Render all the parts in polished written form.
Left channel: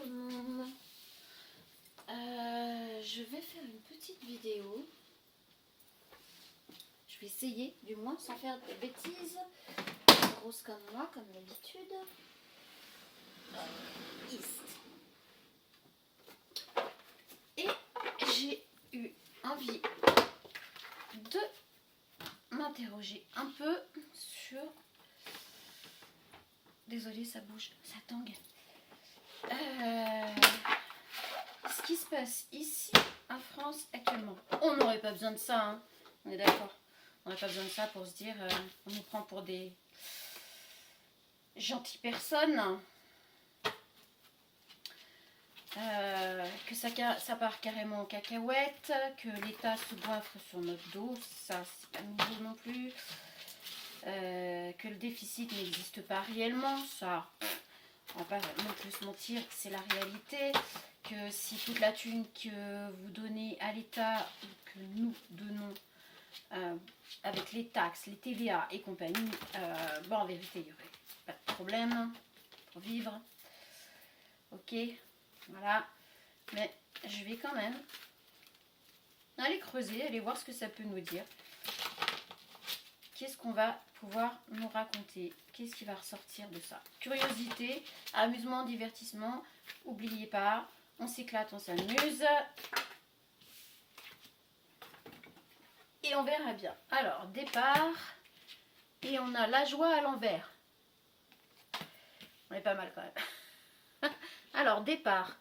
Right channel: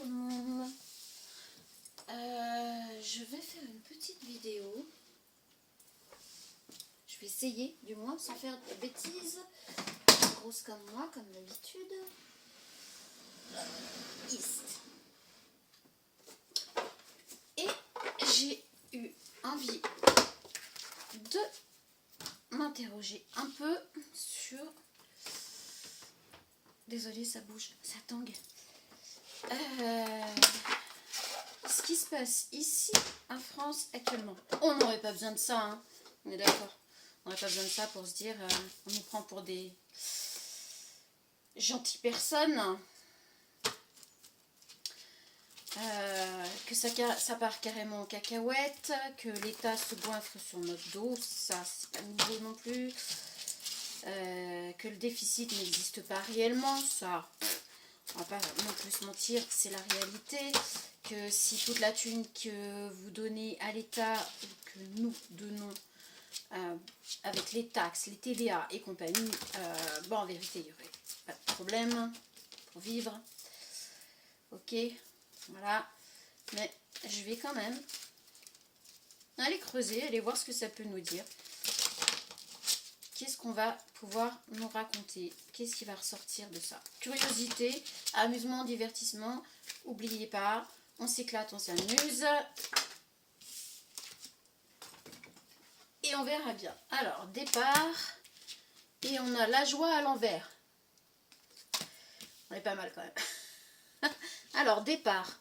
tout le monde. Je vais faire une petite vidéo. Je vais essayer, du moins, sans faire de bêtises. Grosse comme moi, comme d'habitude. Et j'ai eu envie de m'interroger un peu sur... Désolée, ça bouge, ça tangue. Ce qui se passe ici en France actuellement. On n'aurait pas besoin de ça, hein. On est d'accord. On n'aurait pas besoin de ça pour se dire on nous prend pour des gentilles personnes. Que ça part carrément en cacahuète, que l'État se goinfre sur notre dos, ça c'est pas nouveau non plus. Que le déficit n'existe pas réellement, ça on va pas non plus se mentir, c'est la réalité. Que si toute la thune que vous donnez à l'État ou que nous donnons avec les taxes, les TVA et compagnie, bon en vérité il n'y aurait pas de problème pour vivre. Ok, voilà, mais je vais quand même aller creuser, aller voir ce que ça peut nous dire. Qu'est-ce qu'on va pouvoir nous raconter? Qu'est-ce qui va ressortir de ça? Curiosité, amusement, divertissement. N'oubliez pas, on s'éclate, on s'amuse. Et on verra bien. Alors, départ. Et on a la joie à l'envers. On est pas mal quand même. Alors, départ.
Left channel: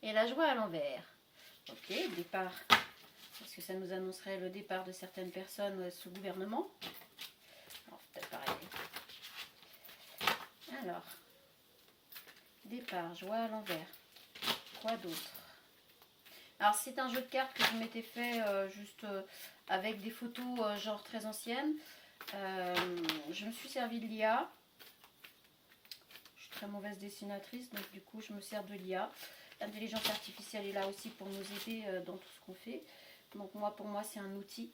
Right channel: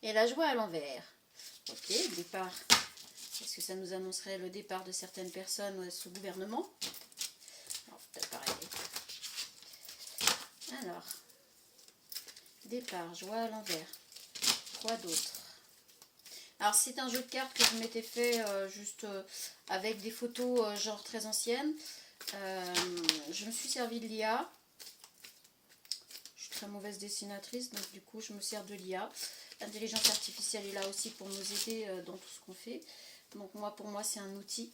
Et la joie à l'envers. Ok, départ. Est-ce que ça nous annoncerait le départ de certaines personnes sous gouvernement? Non, peut-être pareil. Alors, départ, joie à l'envers. Quoi d'autre? Alors, c'est un jeu de cartes que je m'étais fait juste avec des photos genre très anciennes. Je me suis servi de l'IA. Je suis très mauvaise dessinatrice, donc du coup, je me sers de l'IA. L'intelligence artificielle est là aussi pour nous aider dans tout ce qu'on fait. Donc pour moi, c'est un outil.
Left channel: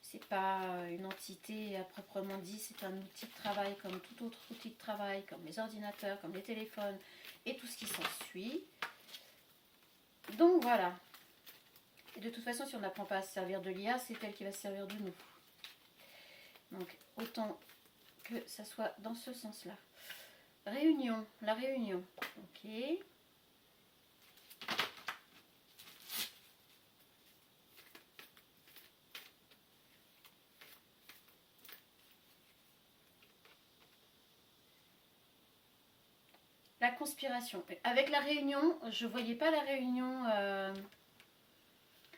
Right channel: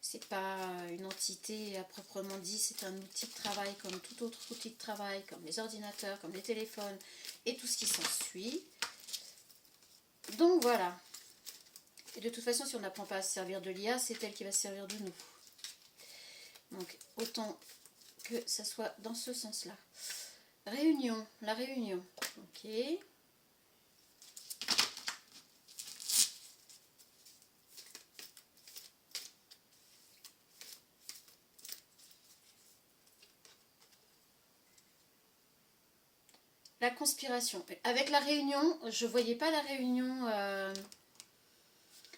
C'est pas une entité à proprement dit. C'est un outil de travail comme tout autre outil de travail, comme les ordinateurs, comme les téléphones et tout ce qui s'ensuit. Donc voilà. Et de toute façon, si on n'apprend pas à se servir de l'IA, c'est elle qui va se servir de nous. Donc autant que ça soit dans ce sens-là. Réunion, la réunion. Ok. La conspiration. Avec la réunion, je voyais pas la réunion...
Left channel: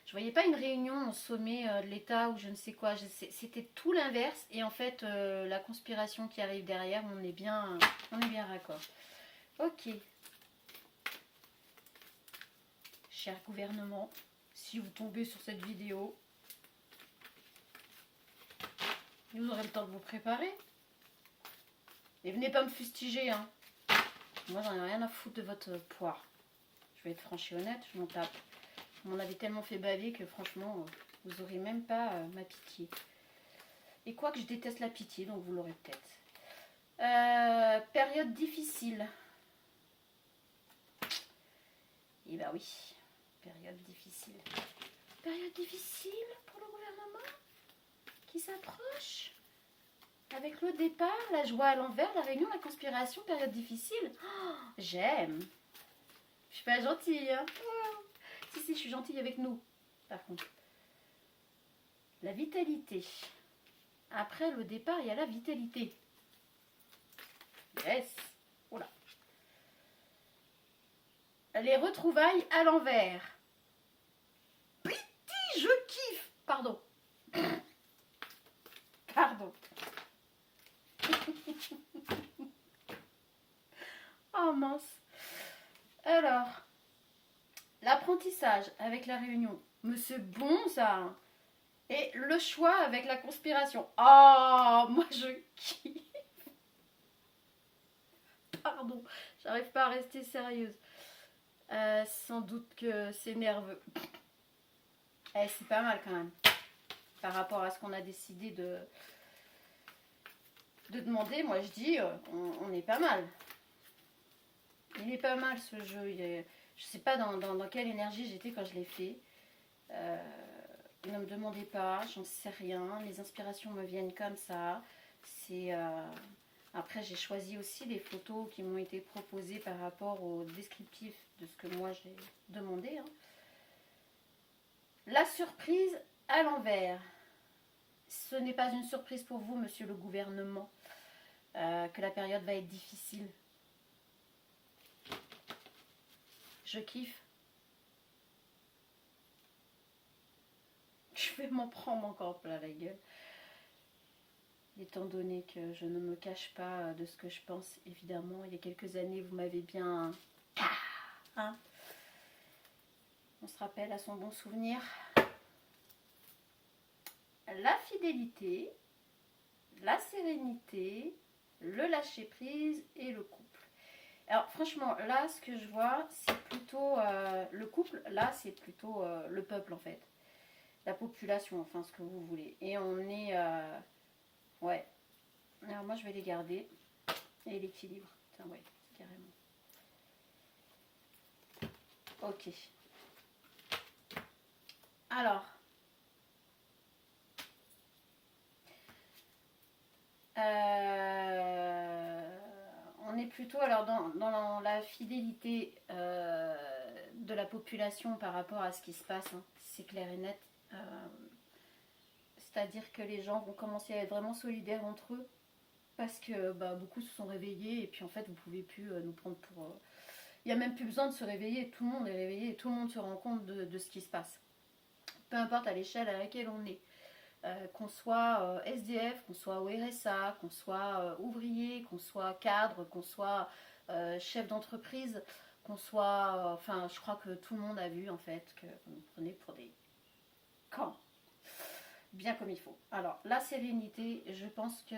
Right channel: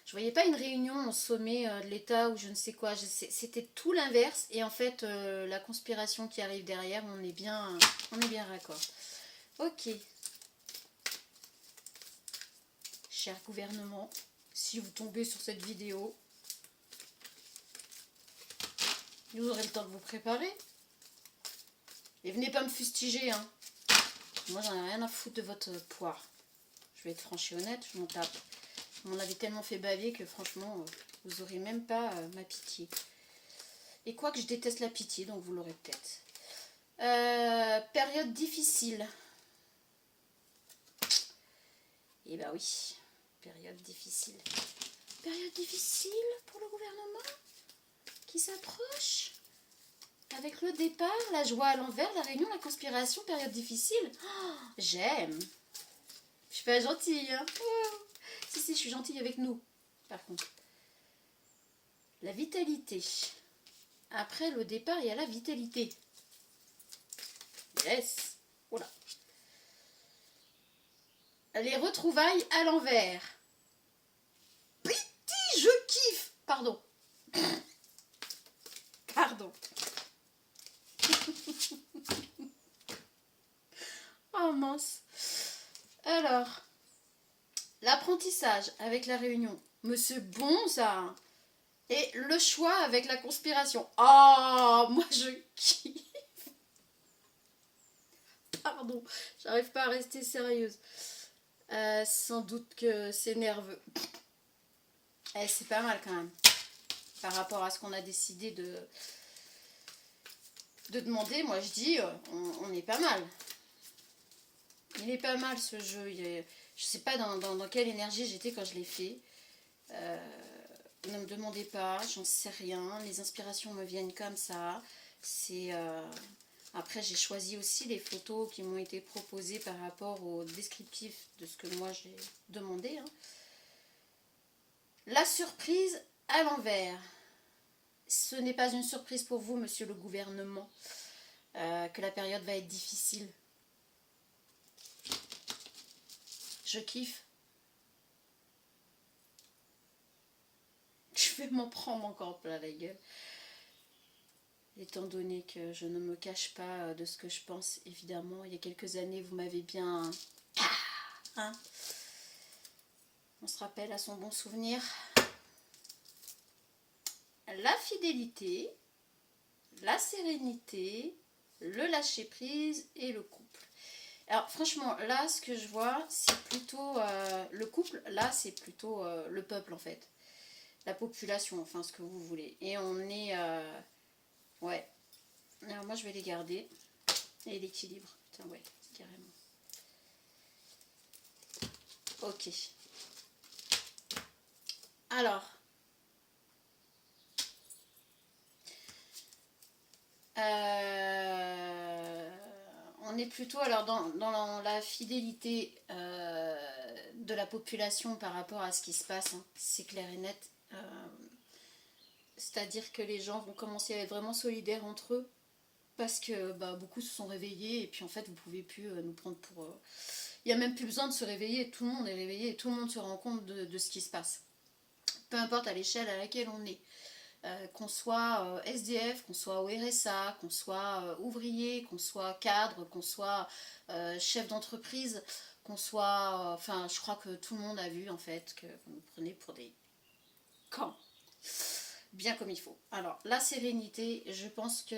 je voyais pas une réunion au sommet de l'État ou je ne sais quoi. C'était tout l'inverse. Et en fait, la conspiration qui arrive derrière, on est bien raccord. Ok. Cher gouvernement, si vous tombez sur cette vidéo, vous aurez le temps de vous préparer. Et venez pas me fustiger, hein. Moi, j'en ai rien à foutre de votre poire. Je vais être franche et honnête, je m'en tape. On m'en avait tellement fait baver que franchement, vous n'aurez même pas ma pitié. Et quoi que je déteste la pitié, donc vous l'aurez peut-être. Période difficile. Eh ben oui, période difficile. Période difficile pour le gouvernement qui s'approche. Avec le départ, la joie à l'envers, la réunion, la conspiration, période difficile. Oh, j'aime. Je suis pas gentille, hein. Si, je suis gentille avec nous. Par contre. La vitalité. Après le départ, il y a la vitalité. Yes. Oh là. Les retrouvailles à l'envers. Petit, je kiffe. Pardon. Pardon. Oh mince. Alors, l'apprentissage avec la réunion. Mais c'est bon ça. Et le choix avec la conspiration. Oh, moi je kiffe. Pardon, j'arrive pas à rester sérieuse. Sans doute que c'est nerveux. C'est pas mal quand même. Par rapport à ce qu'on a décidé de demander, moi je dis, on est pas mal. Il est pas mal ce jeu. Je sais pas dans quelle énergie j'étais quand je l'ai fait. Ne me demandez pas, j'en sais rien. Les inspirations me viennent comme ça. Après, j'ai choisi aussi les photos qui m'ont été proposées par rapport au descriptif de ce que moi j'ai demandé. Hein. La surprise à l'envers. Ce n'est pas une surprise pour vous, monsieur le gouvernement, que la période va être difficile. Je kiffe. Je vais m'en prendre encore plein la gueule. Étant donné que je ne me cache pas de ce que je pense, évidemment, il y a quelques années, vous m'avez bien... Hein, on se rappelle à son bon souvenir. La fidélité, la sérénité, le lâcher-prise et le couple. Alors franchement, là, ce que je vois, c'est plutôt... le couple, là, c'est plutôt le peuple, en fait. La population, enfin, ce que vous voulez. Et on est... ouais. Alors moi, je vais les garder. Et l'équilibre. Tiens, ouais, carrément. Ok. Alors. On est plutôt alors dans la fidélité de la population par rapport à ce qui se passe. Hein. C'est clair et net. C'est-à-dire que les gens vont commencer à être vraiment solidaires entre eux. Parce que beaucoup se sont réveillés et puis en fait vous pouvez plus nous prendre pour... Il n'y a même plus besoin de se réveiller, tout le monde est réveillé et tout le monde se rend compte de ce qui se passe. Peu importe à l'échelle à laquelle on est. Qu'on soit SDF, qu'on soit au RSA, qu'on soit ouvrier, qu'on soit cadre, qu'on soit chef d'entreprise, qu'on soit... enfin, je crois que tout le monde a vu en fait que vous nous prenez pour des camps. Bien comme il faut. Alors, la sérénité, je pense que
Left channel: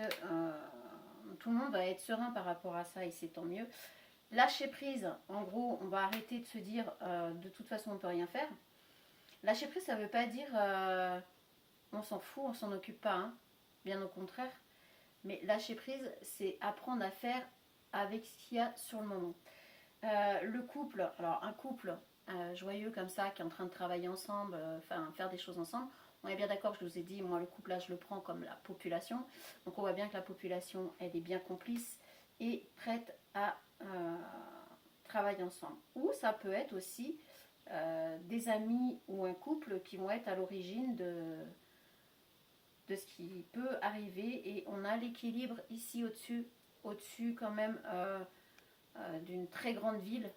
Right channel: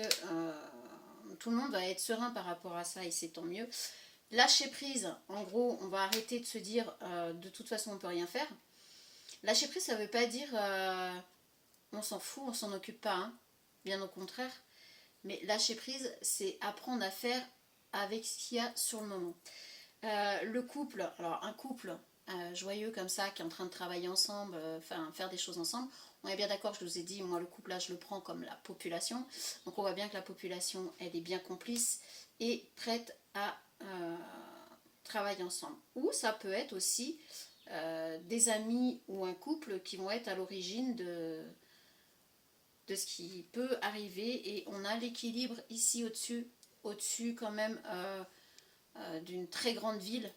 tout le monde va être serein par rapport à ça et c'est tant mieux. Lâcher prise, en gros, on va arrêter de se dire de toute façon on ne peut rien faire. Lâcher prise, ça ne veut pas dire on s'en fout, on s'en occupe pas, hein. Bien au contraire. Mais lâcher prise, c'est apprendre à faire avec ce qu'il y a sur le moment. Le couple, alors un couple joyeux comme ça, qui est en train de travailler ensemble, faire des choses ensemble, on est bien d'accord, je vous ai dit, moi le couple là je le prends comme la population, donc on voit bien que la population elle est bien complice et prête à travailler ensemble. Ou ça peut être aussi des amis ou un couple qui vont être à l'origine de ce qui peut arriver et on a l'équilibre ici au-dessus quand même d'une très grande ville.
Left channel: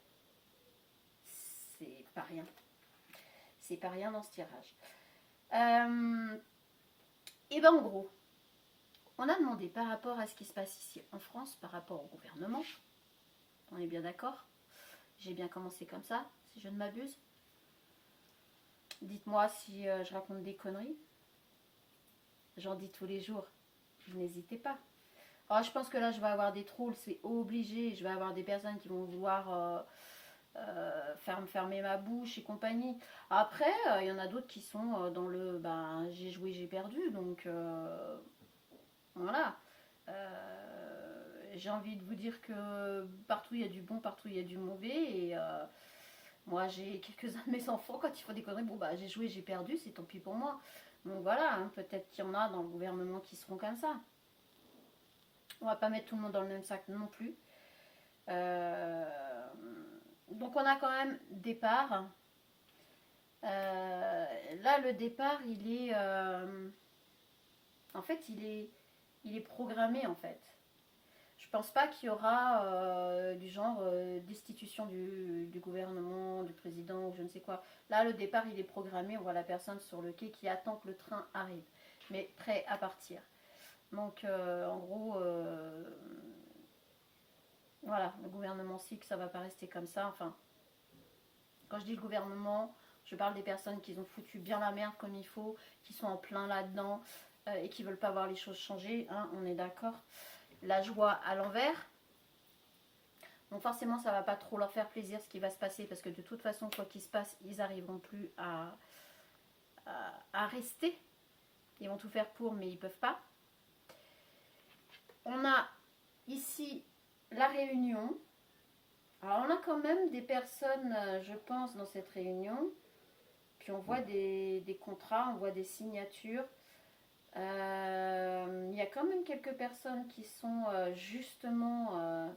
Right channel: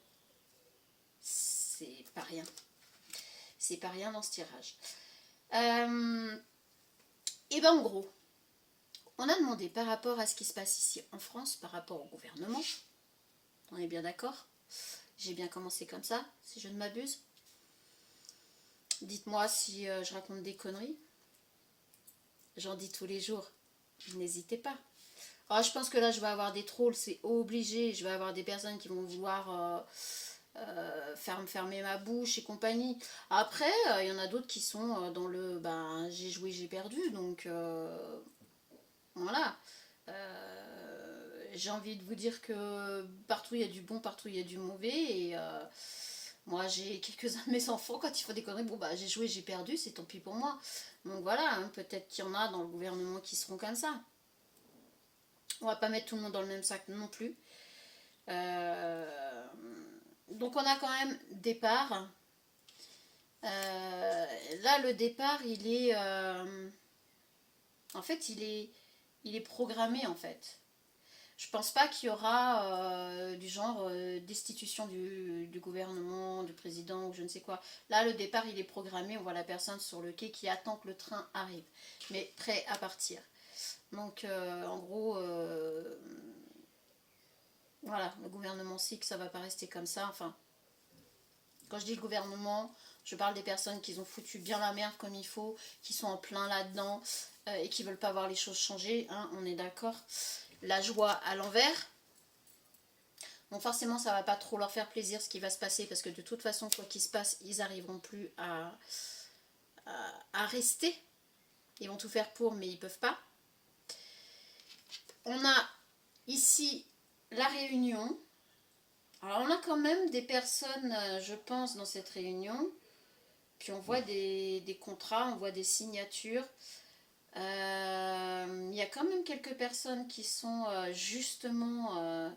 C'est pas rien. C'est pas rien dans ce tirage. Et ben en gros, on a demandé par rapport à ce qui se passe ici en France, par rapport au gouvernement. On est bien d'accord? J'ai bien commencé comme ça, si je ne m'abuse. Dites-moi si je raconte des conneries. J'en dis tous les jours. N'hésitez pas. Alors, je pense que là, je vais avoir des trolls, c'est obligé. Je vais avoir des personnes qui vont vouloir fermer ma bouche et compagnie. Après, il y en a d'autres qui sont dans le j'ai joué, j'ai perdu. Donc, voilà. J'ai envie de vous dire que partout il y a du bon, partout il y a du mauvais. Et moi, j'ai quelques-uns de mes enfants, quand ils font des conneries, j'ai joué, j'ai perdu, c'est tant pis pour moi. Donc voilà, hein, peut-être qu'il y en a dans le gouvernement qui seront comme ça. On va pas mettre tout le monde dans le même sac non plus. Donc on a quand même départ. Là, le départ, il est... en fait, il est programmé, en fait. Je pense pas qu'il y aura du genre destitution du gouvernement, du président ou je ne sais quoi. Là, le départ, il est programmé. On voit la personne sur le quai qui attend que le train arrive, mais prêt à partir. Donc, en gros, voilà, le gouvernement sait que ça va pas rester comme ça. Enfin, quand je dis le gouvernement, je parle des personnes qui ont foutu bien la merde comme il faut, qui sont en plein là-dedans et qui veulent pas voir les choses changer. Hein, on est d'accord. La joie à l'envers. Donc forcément, ça va pas trop leur faire plaisir ce qui va se passer parce que de toute façon, quoi qu'il se passe, ils n'arriveront plus à rester. Ils vont tout faire pour, mais ils peuvent pas. On a ici la réunion. Alors on a quand même des personnes, je pense, dans cette réunion. Puis on voit des contrats, on voit des signatures. Il y a quand même quelques personnes qui sont justement...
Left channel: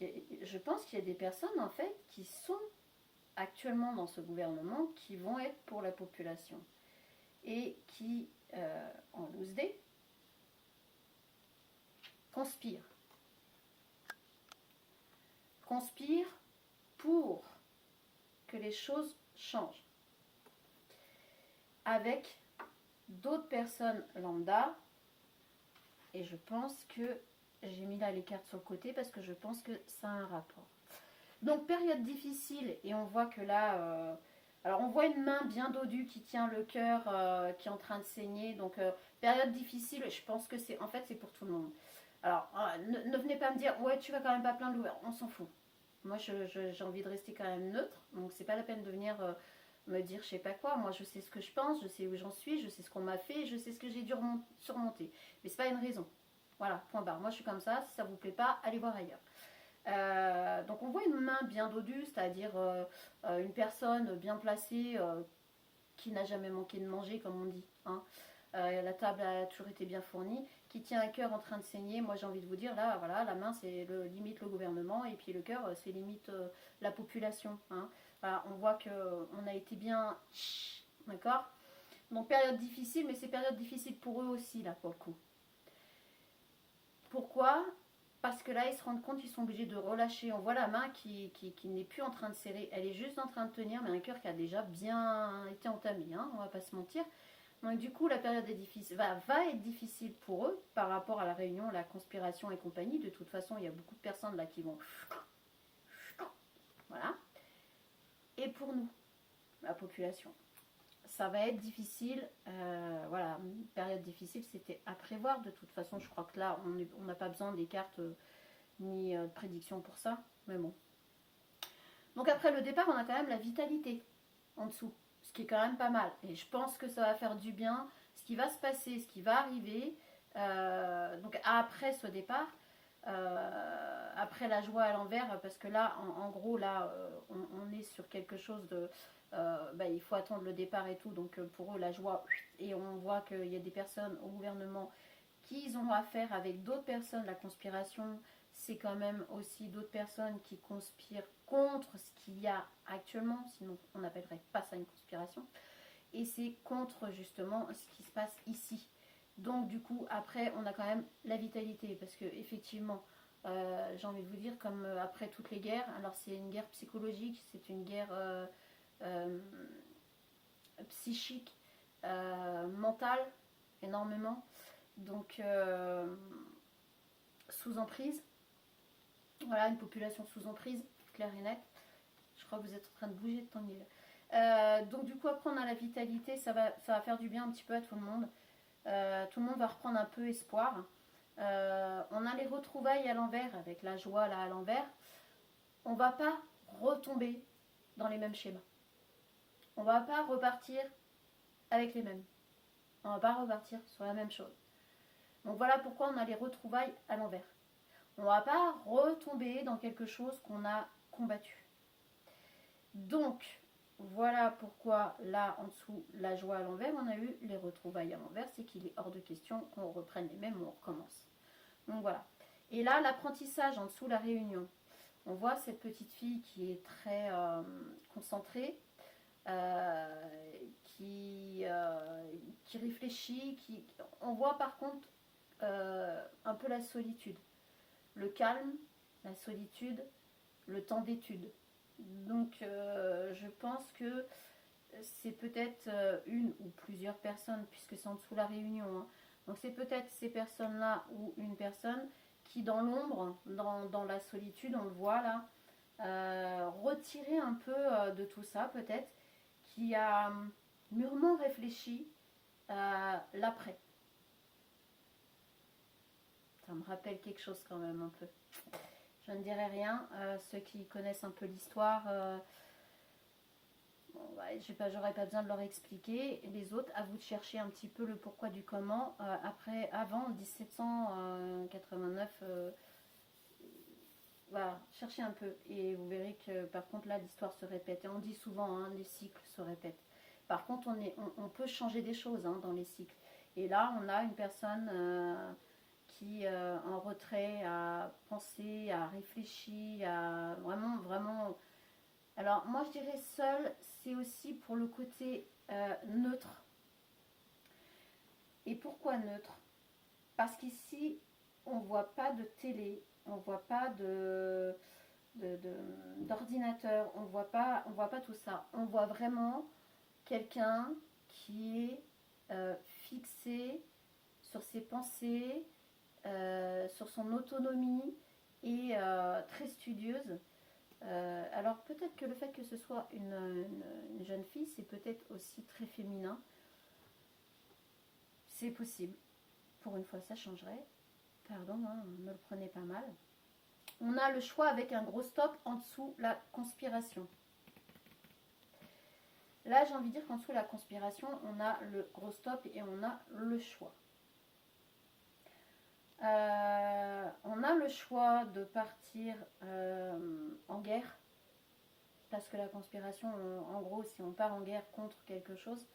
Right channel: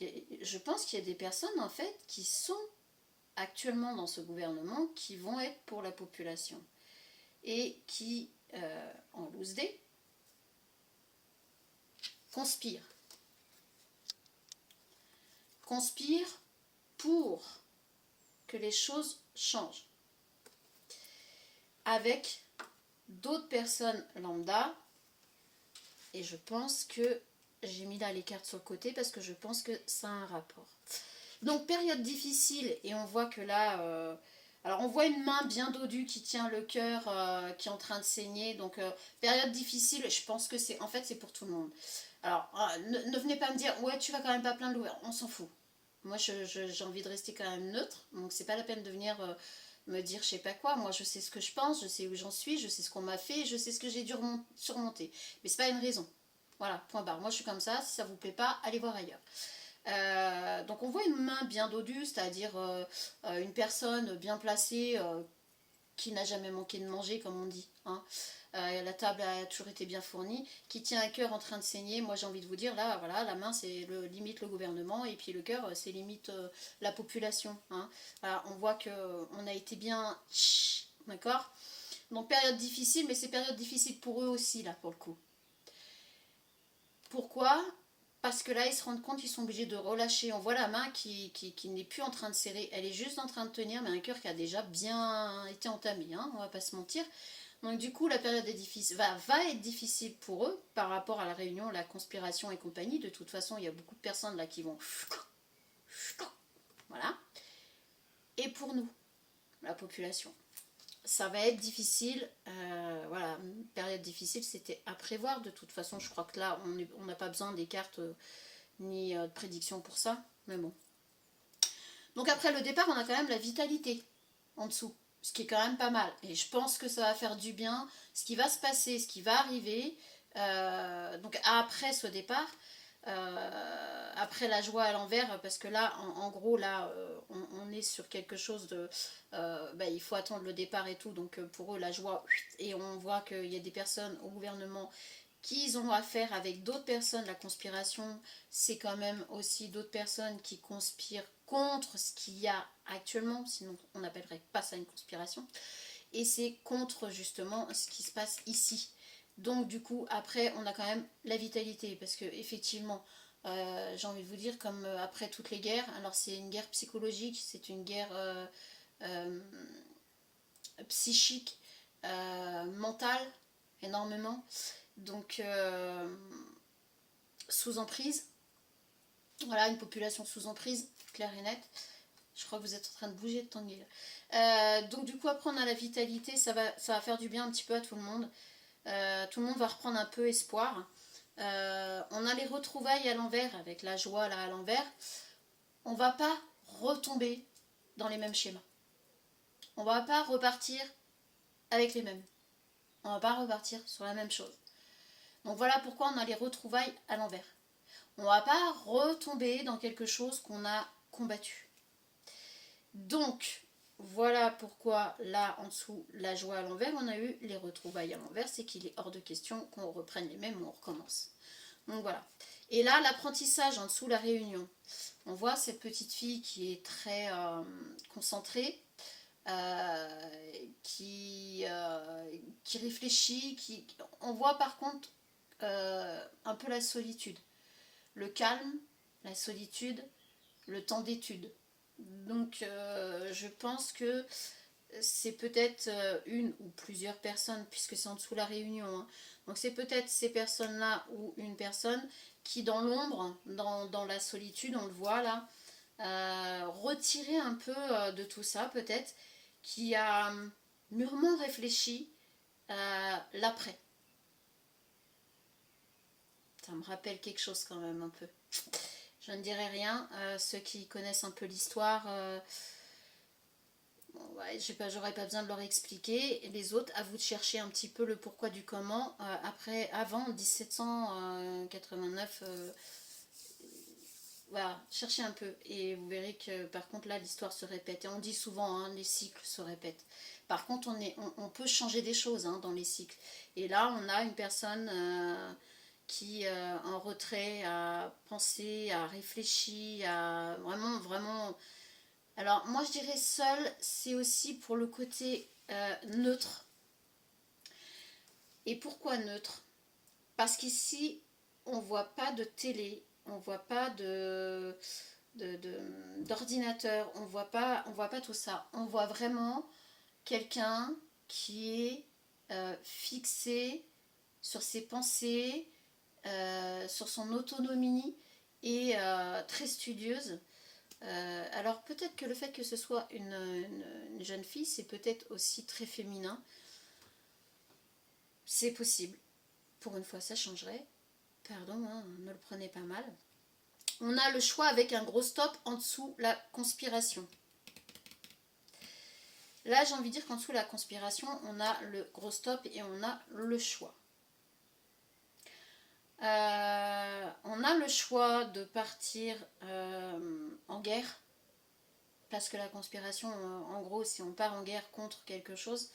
je pense qu'il y a des personnes en fait qui sont actuellement dans ce gouvernement qui vont être pour la population et qui, en loose day, conspirent. Conspirent pour que les choses changent. Avec d'autres personnes lambda. Et je pense que j'ai mis là les cartes sur le côté parce que je pense que ça a un rapport. Donc période difficile et on voit que là... alors on voit une main bien dodue qui tient le cœur qui est en train de saigner. Donc période difficile, je pense que c'est... En fait c'est pour tout le monde. Alors ne venez pas me dire ouais tu vas quand même pas plaindre l'ouvert. On s'en fout. Moi j'ai envie de rester quand même neutre. Donc c'est pas la peine de venir me dire je sais pas quoi. Moi je sais ce que je pense, je sais où j'en suis, je sais ce qu'on m'a fait, je sais ce que j'ai dû surmonter. Mais c'est pas une raison. Voilà, point barre. Moi je suis comme ça, si ça vous plaît pas, allez voir ailleurs. Donc on voit une main bien dodue, c'est-à-dire une personne bien placée qui n'a jamais manqué de manger, comme on dit. Hein. La table a toujours été bien fournie, qui tient un cœur en train de saigner. Moi j'ai envie de vous dire, là, voilà, la main c'est limite le gouvernement, et puis le cœur c'est limite la population. Hein. Voilà, on voit qu'on a été bien... D'accord. Donc période difficile, mais c'est période difficile pour eux aussi, là, pour le coup. Pourquoi ? Parce que là, ils se rendent compte qu'ils sont obligés de relâcher. On voit la main qui n'est plus en train de serrer. Elle est juste en train de tenir, mais un cœur qui a déjà bien été entamé. Hein, on va pas se mentir. Donc du coup, la période est difficile, va être difficile pour eux par rapport à la réunion, la conspiration et compagnie. De toute façon, il y a beaucoup de personnes là qui vont... Voilà. Et pour nous, la population. Ça va être difficile, voilà, période difficile, c'était à prévoir. De toute façon, je crois que là, on n'a pas besoin des cartes ni de prédiction pour ça, mais bon. Donc après le départ, on a quand même la vitalité en dessous, ce qui est quand même pas mal. Et je pense que ça va faire du bien, ce qui va se passer, ce qui va arriver, donc après ce départ, après la joie à l'envers, parce que là, en gros, là, on est sur quelque chose de... il faut attendre le départ et tout, donc pour eux, la joie, et on voit qu'il y a des personnes au gouvernement qui ont affaire avec d'autres personnes. La conspiration, c'est quand même aussi d'autres personnes qui conspirent contre ce qu'il y a actuellement, sinon on n'appellerait pas ça une conspiration, et c'est contre justement ce qui se passe ici. Donc du coup, après, on a quand même la vitalité, parce que effectivement, j'ai envie de vous dire, comme après toutes les guerres, alors c'est une guerre psychologique, c'est une guerre euh, psychique, mentale, énormément. Donc, sous emprise, voilà, une population sous emprise, claire et nette. Je crois que vous êtes en train de bouger de Tanguy. Donc du coup, après on a la vitalité, ça va faire du bien un petit peu à tout le monde. Tout le monde va reprendre un peu espoir. On a les retrouvailles à l'envers, avec la joie là à l'envers. On va pas retomber dans les mêmes schémas. On va pas repartir avec les mêmes. On va pas repartir sur la même chose. Donc voilà pourquoi on a les retrouvailles à l'envers. On va pas retomber dans quelque chose qu'on a combattu. Donc, voilà pourquoi là en dessous, la joie à l'envers, on a eu les retrouvailles à l'envers, c'est qu'il est hors de question qu'on reprenne les mêmes ou on recommence. Donc voilà. Et là, l'apprentissage en dessous, la réunion. On voit cette petite fille qui est très concentrée, qui réfléchit, on voit par contre un peu la solitude. Le calme, la solitude, le temps d'étude. Donc je pense que c'est peut-être une ou plusieurs personnes, puisque c'est en dessous la réunion. Hein. Donc c'est peut-être ces personnes-là ou une personne qui dans l'ombre, dans la solitude, on le voit là, retiré un peu de tout ça peut-être, qui a mûrement réfléchi l'après. Ça me rappelle quelque chose quand même un peu. Je ne dirai rien. Ceux qui connaissent un peu l'histoire, ouais, j'aurais pas besoin de leur expliquer. Et les autres, à vous de chercher un petit peu le pourquoi du comment. Avant 1789, Voilà, cherchez un peu et vous verrez que par contre là l'histoire se répète. Et on dit souvent, hein, les cycles se répètent. Par contre on peut changer des choses, hein, dans les cycles. Et là on a une personne qui en retrait a pensé, a réfléchi, a vraiment, vraiment... Alors moi je dirais seul, c'est aussi pour le côté neutre. Et pourquoi neutre? Parce qu'ici on voit pas de télé, on voit pas d'ordinateur, on voit pas tout ça. On voit vraiment quelqu'un qui est fixé sur ses pensées, sur son autonomie et très studieuse. Alors peut-être que le fait que ce soit une jeune fille, c'est peut-être aussi très féminin. C'est possible. Pour une fois, ça changerait. Pardon, hein, me le prenez pas mal. On a le choix avec un gros stop en dessous la conspiration. Là, j'ai envie de dire qu'en dessous la conspiration, on a le gros stop et on a le choix. On a le choix de partir en guerre, parce que la conspiration, en gros, si on part en guerre contre quelque chose.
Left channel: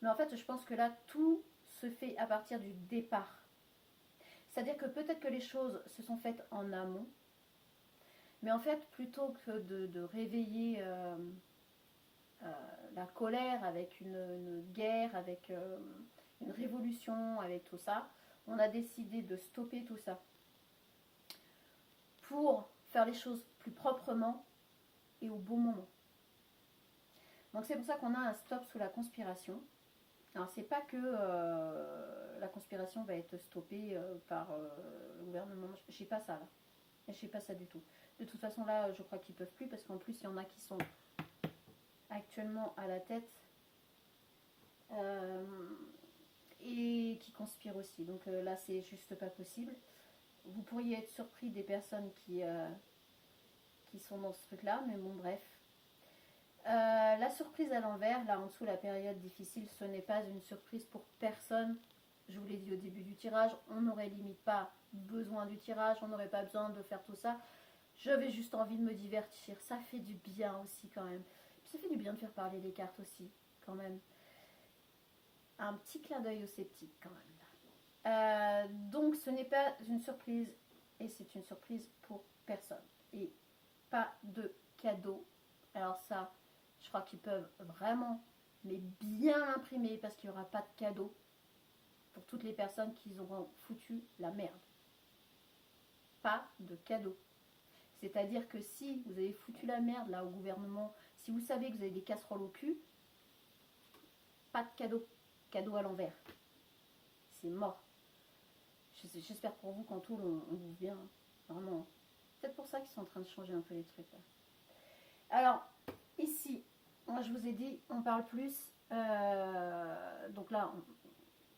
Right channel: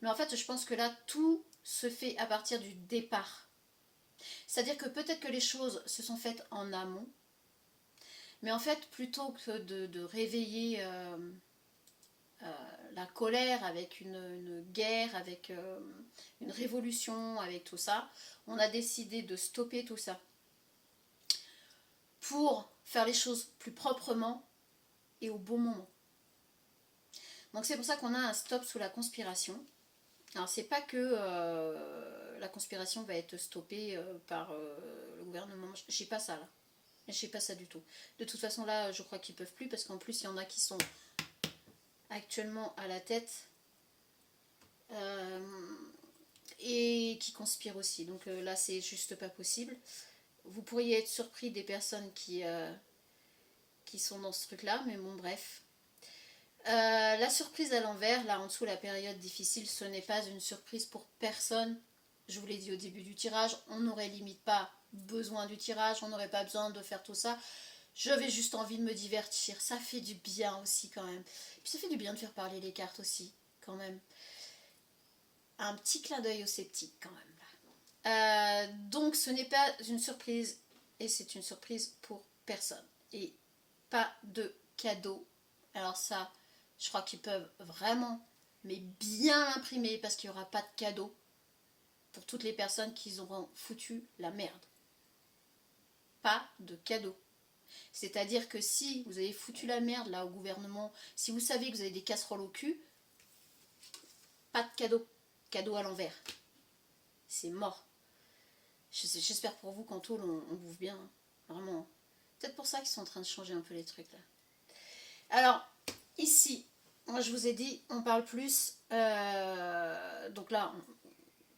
Mais en fait, je pense que là, tout se fait à partir du départ. C'est-à-dire que peut-être que les choses se sont faites en amont, mais en fait, plutôt que de réveiller la colère avec une guerre, avec une révolution, avec tout ça, on a décidé de stopper tout ça pour faire les choses plus proprement et au bon moment. Donc c'est pour ça qu'on a un stop sous la conspiration. Alors c'est pas que la conspiration va être stoppée par le gouvernement, j'ai pas ça là. J'ai pas ça du tout. De toute façon là je crois qu'ils peuvent plus, parce qu'en plus il y en a qui sont actuellement à la tête et qui conspirent aussi. Donc là c'est juste pas possible. Vous pourriez être surpris des personnes qui sont dans ce truc là, mais bon bref. La surprise à l'envers, là en dessous la période difficile, ce n'est pas une surprise pour personne. Je vous l'ai dit au début du tirage, on n'aurait limite pas besoin du tirage, on n'aurait pas besoin de faire tout ça. J'avais juste envie de me divertir, ça fait du bien aussi quand même. Puis ça fait du bien de faire parler les cartes aussi, quand même. Un petit clin d'œil aux sceptiques quand même. Donc ce n'est pas une surprise, et c'est une surprise pour personne. Et pas de cadeau. Alors ça, je crois qu'ils peuvent vraiment, mais bien l'imprimer, parce qu'il n'y aura pas de cadeau pour toutes les personnes qui auront foutu la merde. Pas de cadeau. C'est-à-dire que si vous avez foutu la merde là au gouvernement, si vous savez que vous avez des casseroles au cul, pas de cadeau. Cadeau à l'envers. C'est mort. J'espère pour vous qu'en tôle on bouffe bien. Hein. Vraiment. Peut-être pour ça qu'ils sont en train de changer un peu les trucs là. Alors, ici, moi je vous ai dit, on parle plus. Donc là,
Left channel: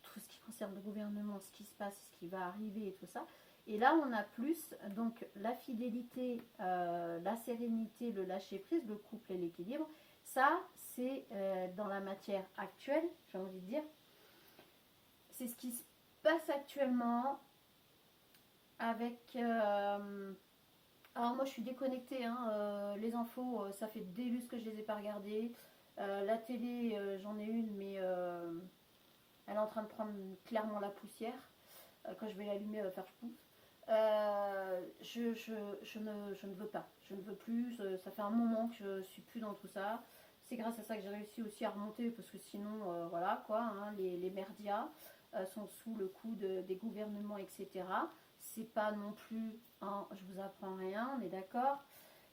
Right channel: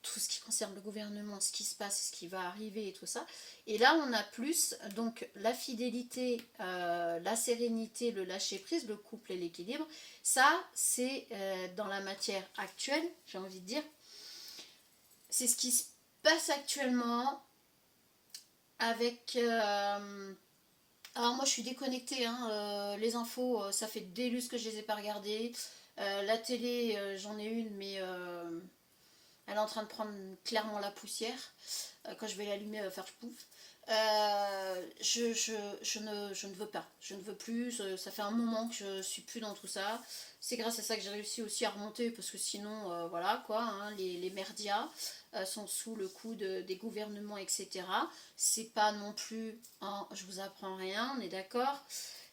tout ce qui concerne le gouvernement, ce qui se passe, ce qui va arriver et tout ça. Et là, on a plus donc la fidélité, la sérénité, le lâcher-prise, le couple et l'équilibre. Ça, c'est dans la matière actuelle, j'ai envie de dire. C'est ce qui se passe actuellement avec... alors moi, je suis déconnectée. Hein, les infos, ça fait des lustres que je les ai pas regardées. La télé, j'en ai une, mais... elle est en train de prendre clairement la poussière. Quand je vais l'allumer, elle va faire pouf. Je ne veux pas. Je ne veux plus. Ça fait un moment que je suis plus dans tout ça. C'est grâce à ça que j'ai réussi aussi à remonter, parce que sinon, voilà quoi, hein, les merdias sont sous le coup des gouvernements, etc. C'est pas non plus, hein, je vous apprends rien, on est d'accord.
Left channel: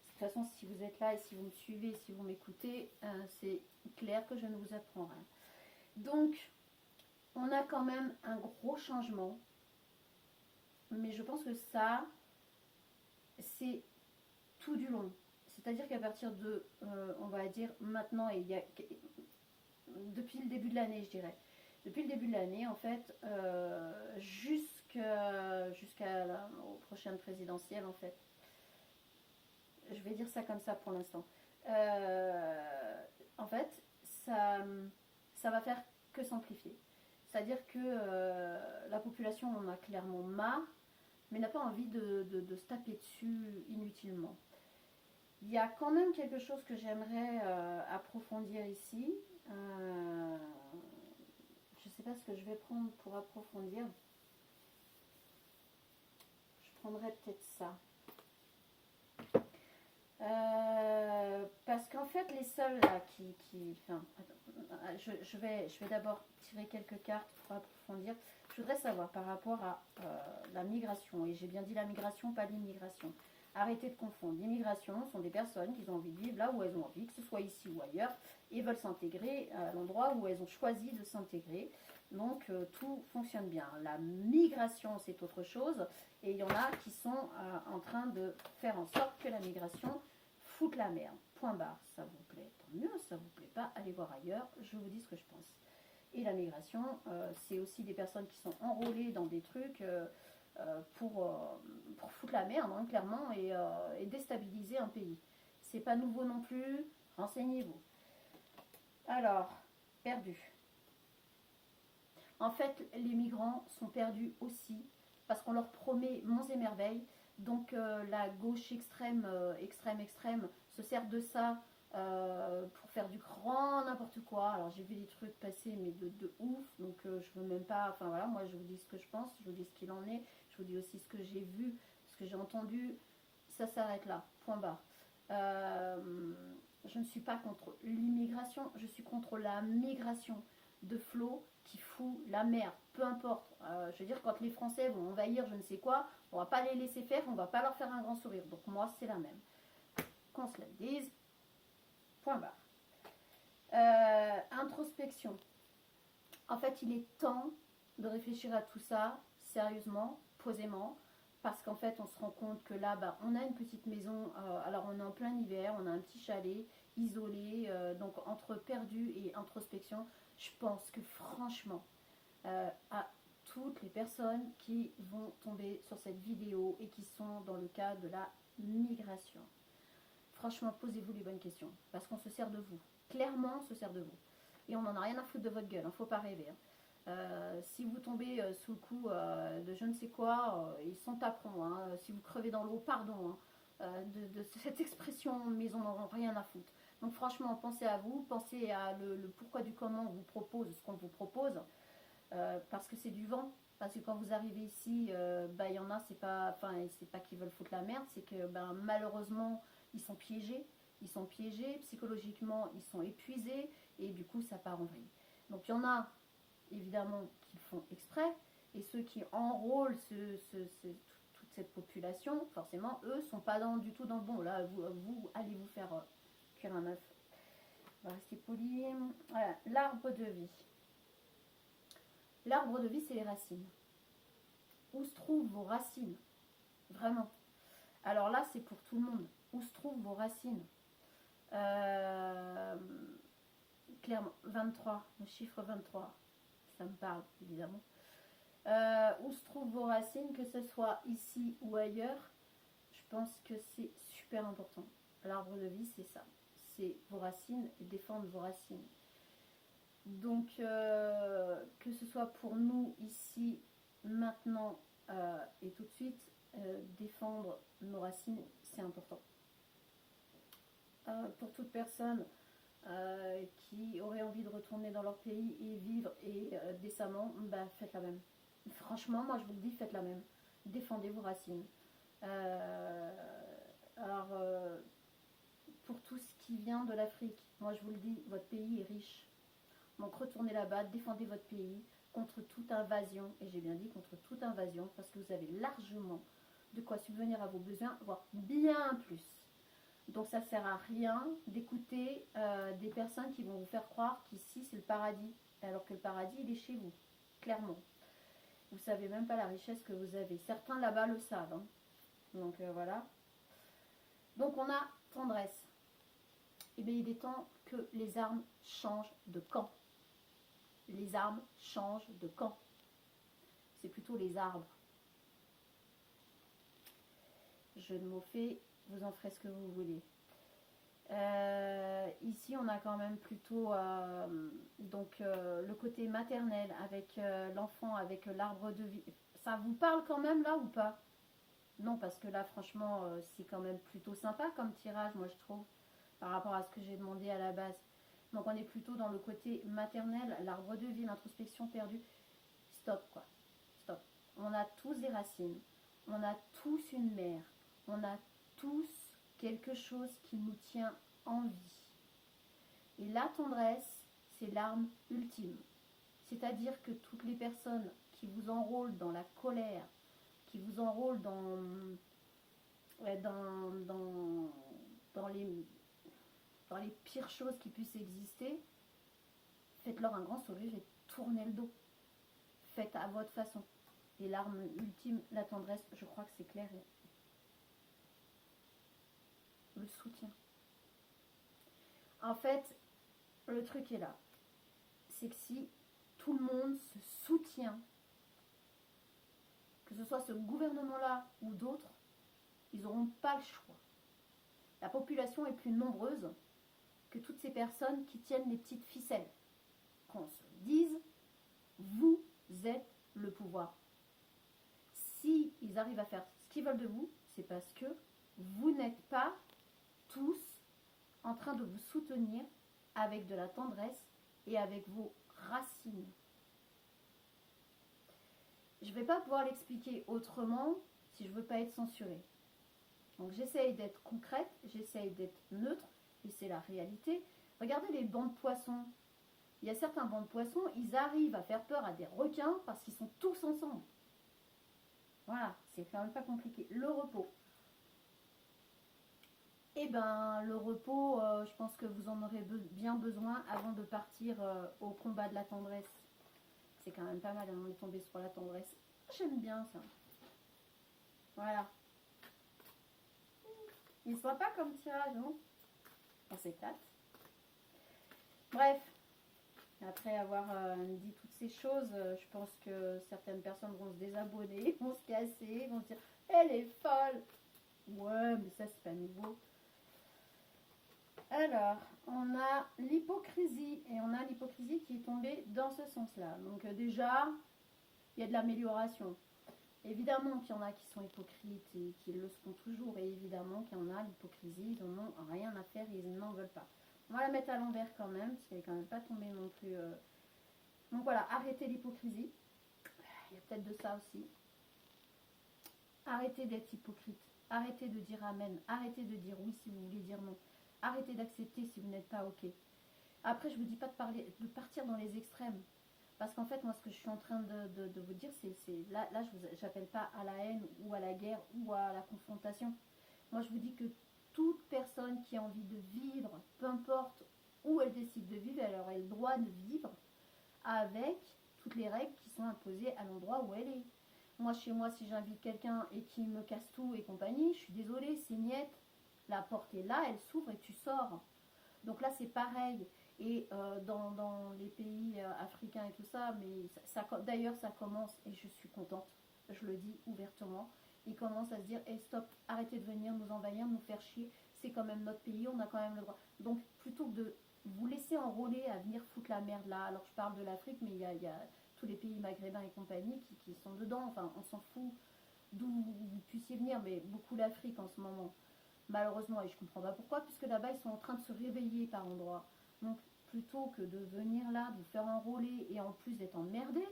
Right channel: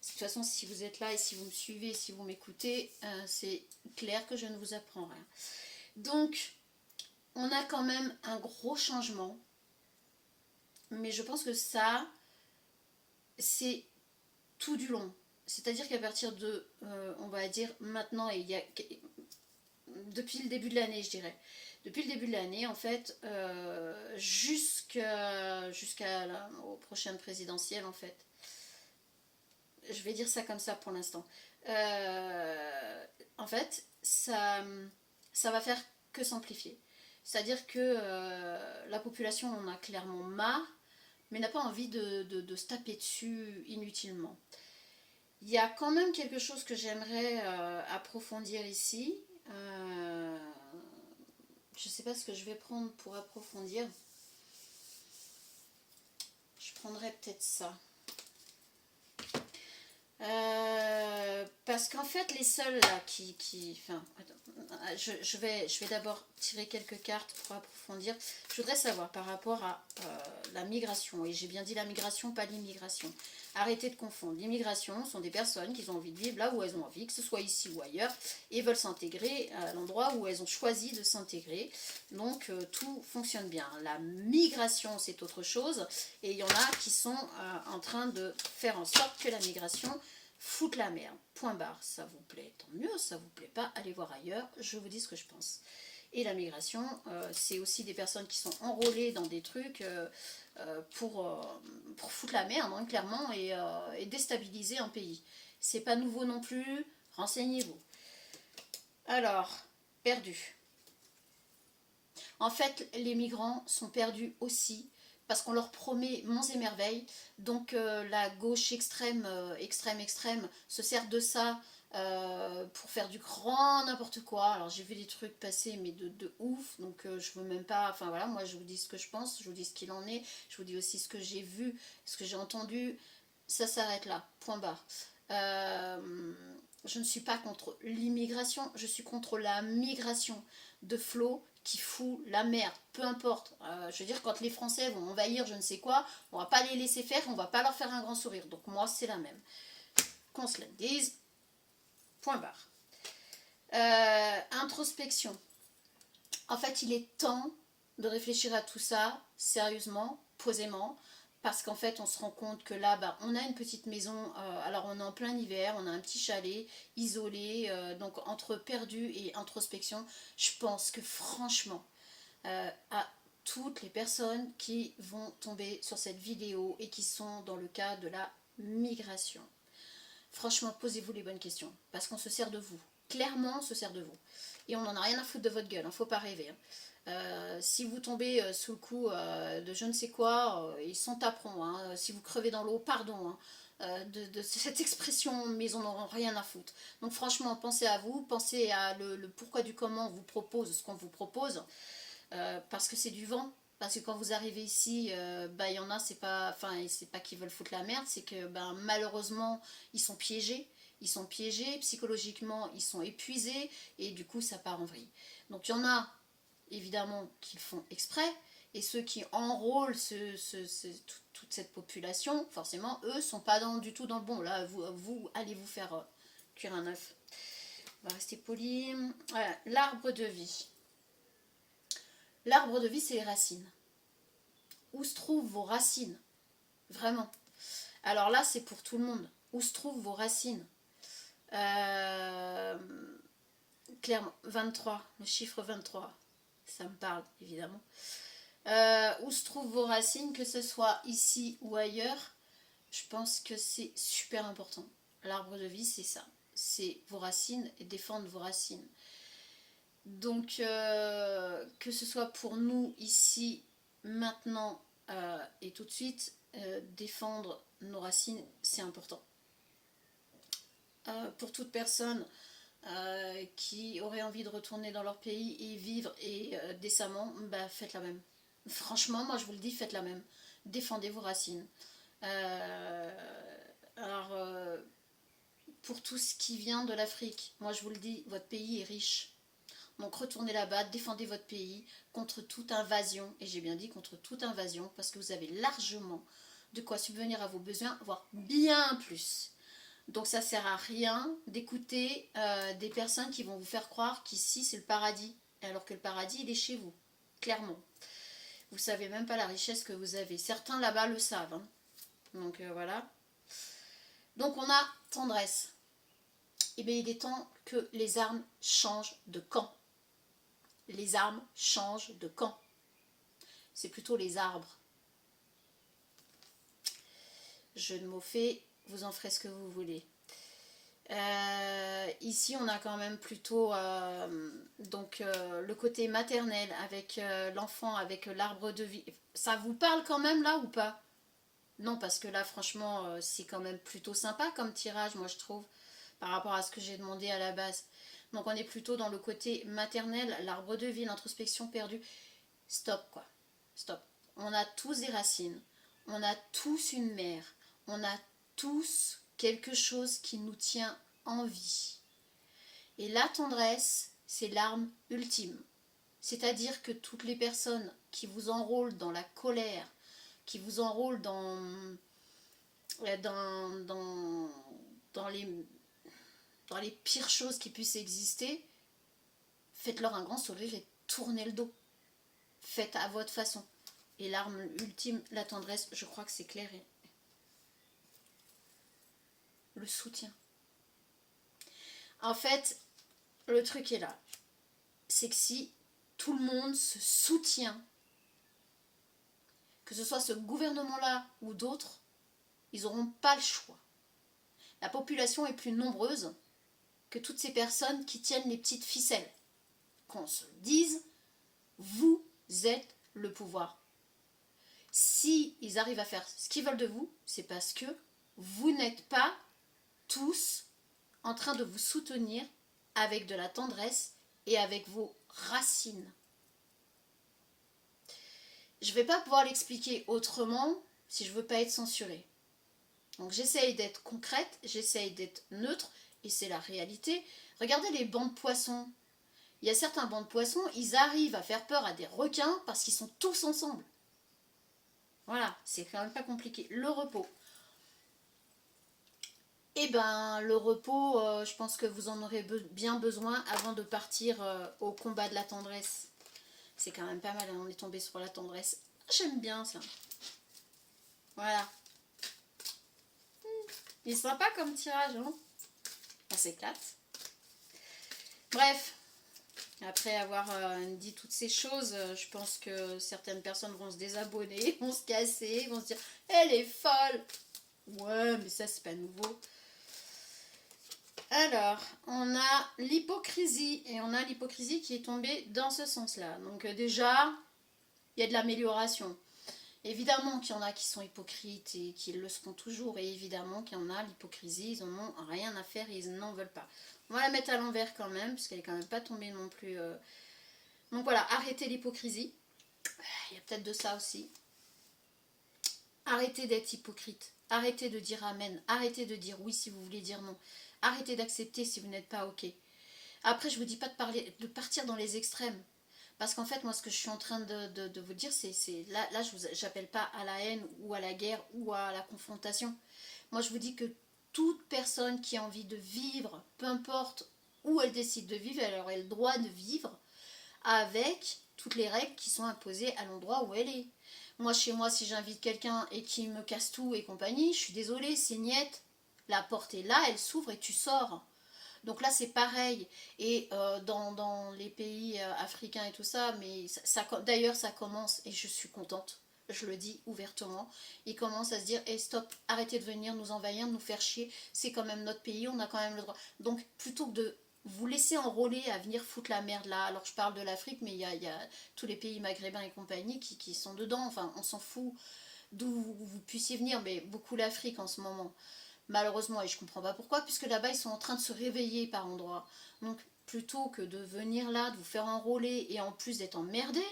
De toute façon, si vous êtes là et si vous me suivez, si vous m'écoutez, c'est clair que je ne vous apprends rien. Donc, on a quand même un gros changement, mais je pense que ça, c'est tout du long. C'est-à-dire qu'à partir de, on va dire maintenant, et il y a, depuis le début de l'année, je dirais, depuis le début de l'année, en fait, aux prochaines présidentielles, en fait, je vais dire ça comme ça pour l'instant. En fait, ça va faire que s'amplifier. C'est-à-dire que la population en a clairement marre mais n'a pas envie de se taper dessus inutilement. Il y a quand même quelque chose que j'aimerais approfondir ici. Je ne sais pas ce que je vais prendre pour approfondir. Je prendrais peut-être ça. Parce qu'en fait, les seuls là enfin, attends, je vais d'abord tirer quelques cartes pour approfondir. Je voudrais savoir par rapport à la migration, et j'ai bien dit la migration, pas l'immigration. Arrêtez de confondre. L'immigration sont des personnes qui ont envie de vivre là où elles ont envie, que ce soit ici ou ailleurs, et veulent s'intégrer à l'endroit où elles ont choisi de s'intégrer. Donc tout fonctionne bien. La migration, c'est autre chose, et il y en a qui sont en train de faire en sorte que la migration foute la merde. Point barre. Ça vous plaît, tant mieux. Ça vous plaît pas, allez voir ailleurs. Je vous dis ce que je pense. Et la migration, c'est aussi des personnes qui sont enrôlées dans des trucs pour foutre la merde, hein, clairement, et déstabiliser un pays. C'est pas nouveau non plus, renseignez-vous. Alors, perdus. En fait, les migrants sont perdus aussi, parce qu'on leur promet monts et merveilles. Donc la gauche extrême, extrême, se sert de ça pour faire du grand n'importe quoi. Alors j'ai vu des trucs passer, mais de ouf, donc je veux même pas, enfin voilà, moi je vous dis ce que je pense, je vous dis ce qu'il en est, je vous dis aussi ce que j'ai vu, ce que j'ai entendu, ça s'arrête là, point barre. Je ne suis pas contre l'immigration, je suis contre la migration de flot qui fout la merde, peu importe. Je veux dire, quand les Français vont envahir je ne sais quoi, on va pas les laisser faire, on va pas leur faire un grand sourire. Donc moi, c'est la même. Qu'on se la dise, point barre. Introspection. En fait, il est temps de réfléchir à tout ça, sérieusement, posément, parce qu'en fait, on se rend compte que là, bah, on a une petite maison, alors on est en plein hiver, on a un petit chalet, isolé, donc entre perdu et introspection, je pense que franchement, à toutes les personnes qui vont tomber sur cette vidéo et qui sont dans le cas de la migration. Franchement, posez-vous les bonnes questions, parce qu'on se sert de vous. Clairement, on se sert de vous. Et on n'en a rien à foutre de votre gueule, hein, faut pas rêver. Si vous tombez sous le coup de je ne sais quoi, ils s'en taperont. Hein. Si vous crevez dans l'eau, pardon. Hein, de cette expression, mais ils n'en auront rien à foutre. Donc franchement, pensez à vous, pensez à le pourquoi du comment on vous propose ce qu'on vous propose. Parce que c'est du vent. Parce que quand vous arrivez ici, bah, y en a, c'est pas qu'ils veulent foutre la merde, c'est que ben, malheureusement, ils sont piégés. Ils sont piégés, psychologiquement, ils sont épuisés, et du coup, ça part en vrille. Donc il y en a, évidemment, qui le font exprès, et ceux qui enrôlent toute cette population, forcément, eux, sont pas du tout dans le bon. Là, vous allez vous faire cuire un œuf. On va rester poli. Voilà, l'arbre de vie. L'arbre de vie, c'est les racines. Où se trouvent vos racines? Vraiment. Alors là, c'est pour tout le monde. Où se trouvent vos racines? Clairement, 23, le chiffre 23, ça me parle évidemment. Où se trouvent vos racines, que ce soit ici ou ailleurs, je pense que c'est super important. L'arbre de vie, c'est ça. C'est vos racines et défendre vos racines. Donc, que ce soit pour nous ici, maintenant et tout de suite, défendre nos racines, c'est important. Pour toute personne qui aurait envie de retourner dans leur pays et vivre et décemment, bah, faites la même. Franchement, moi je vous le dis, faites la même. Défendez vos racines. Alors, pour tout ce qui vient de l'Afrique, moi je vous le dis, votre pays est riche. Donc retournez là-bas, défendez votre pays contre toute invasion, et j'ai bien dit contre toute invasion, parce que vous avez largement de quoi subvenir à vos besoins, voire bien plus. Donc ça sert à rien d'écouter des personnes qui vont vous faire croire qu'ici c'est le paradis, alors que le paradis il est chez vous, clairement. Vous savez même pas la richesse que vous avez. Certains là-bas le savent. Hein. Donc voilà. Donc on a tendresse. Et bien il est temps que les armes changent de camp. Les armes changent de camp. C'est plutôt les arbres. Je ne m'en fais, vous en ferez ce que vous voulez. Ici on a quand même plutôt le côté maternel avec l'enfant, avec l'arbre de vie. Ça vous parle quand même là ou pas? Non, parce que là, franchement, c'est quand même plutôt sympa comme tirage, moi je trouve, par rapport à ce que j'ai demandé à la base. Donc on est plutôt dans le côté maternel, l'arbre de vie, l'introspection perdue. Stop, quoi. Stop. On a tous des racines, on a tous une mère, on a tous quelque chose qui nous tient en vie. Et la tendresse, c'est l'arme ultime. C'est-à-dire que toutes les personnes qui vous enrôlent dans la colère, qui vous enrôlent dans, dans, les, dans les pires choses qui puissent exister, faites-leur un grand sourire et tournez le dos. Faites à votre façon. Et l'arme ultime, la tendresse, je crois que c'est clair. Et le soutien. En fait, le truc est là. C'est que si tout le monde se soutient, que ce soit ce gouvernement-là ou d'autres, ils n'auront pas le choix. La population est plus nombreuse que toutes ces personnes qui tiennent les petites ficelles. Qu'on se dise, vous êtes le pouvoir. Si ils arrivent à faire ce qu'ils veulent de vous, c'est parce que vous n'êtes pas tous en train de vous soutenir avec de la tendresse et avec vos racines. Je ne vais pas pouvoir l'expliquer autrement si je ne veux pas être censurée. Donc j'essaye d'être concrète, j'essaye d'être neutre, et c'est la réalité. Regardez les bancs de poissons. Il y a certains bancs de poissons, ils arrivent à faire peur à des requins parce qu'ils sont tous ensemble. Voilà, c'est quand même pas compliqué. Le repos. Eh ben, le repos, je pense que vous en aurez bien besoin avant de partir au combat de la tendresse. C'est quand même pas mal, on est tombé sur la tendresse. J'aime bien ça. Voilà. Il est sympa comme tirage, hein. On s'éclate. Bref, après avoir dit toutes ces choses, je pense que certaines personnes vont se désabonner, vont se casser, vont se dire « Elle est folle !» Ouais, mais ça, c'est pas nouveau. Alors, on a l'hypocrisie, et on a l'hypocrisie qui est tombée dans ce sens-là. Donc déjà, il y a de l'amélioration. Évidemment qu'il y en a qui sont hypocrites et qui le seront toujours, et évidemment qu'il y en a, l'hypocrisie, ils n'en ont rien à faire et ils n'en veulent pas. On va la mettre à l'envers quand même, parce qu'elle est quand même pas tombée non plus. Donc voilà, arrêtez l'hypocrisie. Il y a peut-être de ça aussi. Arrêtez d'être hypocrite. Arrêtez de dire amen. Arrêtez de dire oui si vous voulez dire non. Arrêtez d'accepter si vous n'êtes pas ok. Après, je ne vous dis pas de partir dans les extrêmes. Parce qu'en fait, moi, ce que je suis en train de vous dire, c'est là, je n'appelle pas à la haine ou à la guerre ou à la confrontation. Moi, je vous dis que toute personne qui a envie de vivre, peu importe où elle décide de vivre, elle aurait le droit de vivre avec toutes les règles qui sont imposées à l'endroit où elle est. Moi, chez moi, si j'invite quelqu'un et qu'il me casse tout et compagnie, je suis désolée, c'est niette. La porte est là, elle s'ouvre et tu sors. Donc là, c'est pareil. Et dans les pays africains et tout ça, mais d'ailleurs, ça commence, et je suis contente, je le dis ouvertement, ils commencent à se dire, hey, stop, arrêtez de venir nous envahir, nous faire chier, c'est quand même notre pays, on a quand même le droit. Donc, plutôt que de vous laisser enrôler à venir foutre la merde là, alors je parle de l'Afrique, mais il y a tous les pays maghrébins et compagnie qui sont dedans, enfin, on s'en fout d'où vous puissiez venir, mais beaucoup l'Afrique en ce moment. Malheureusement, et je comprends pas pourquoi, puisque là-bas, ils sont en train de se réveiller par endroits. Donc, plutôt que de venir là, de vous faire enrôler, et en plus d'être emmerdé,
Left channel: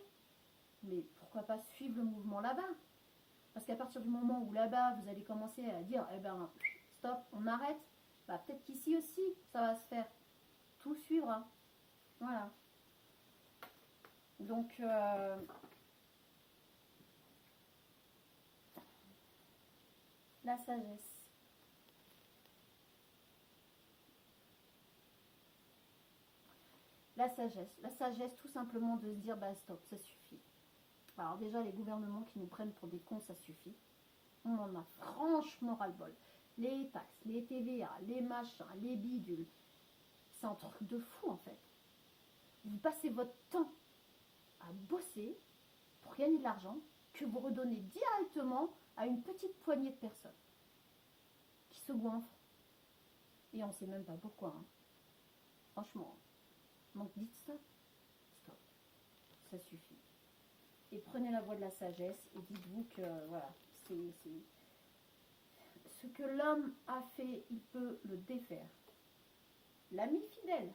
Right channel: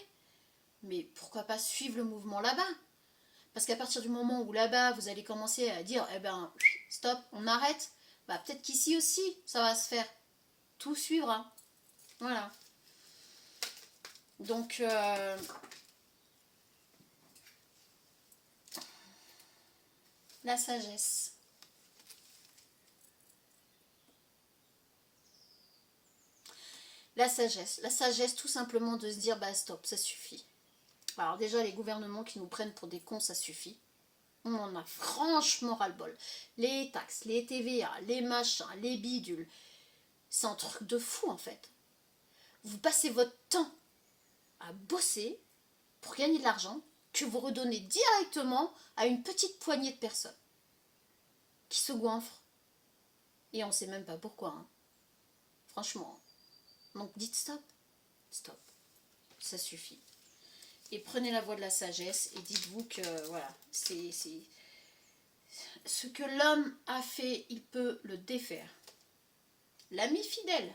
mais pourquoi pas suivre le mouvement là-bas? Parce qu'à partir du moment où là-bas, vous allez commencer à dire, eh ben, stop, on arrête, bah peut-être qu'ici aussi, ça va se faire. Tout suivra. Voilà. Donc, la sagesse. La sagesse tout simplement de se dire bah stop, ça suffit. Alors déjà les gouvernements qui nous prennent pour des cons, ça suffit. On en a franchement ras-le-bol. Les taxes, les TVA, les machins, les bidules, c'est un truc de fou en fait. Vous passez votre temps à bosser pour gagner de l'argent que vous redonnez directement à une petite poignée de personnes qui se goinfrent. Et on ne sait même pas pourquoi. Hein. Franchement. Donc dites stop. Stop. Ça suffit. Et prenez la voie de la sagesse et dites-vous que voilà, ce que l'homme a fait, il peut le défaire. L'ami fidèle.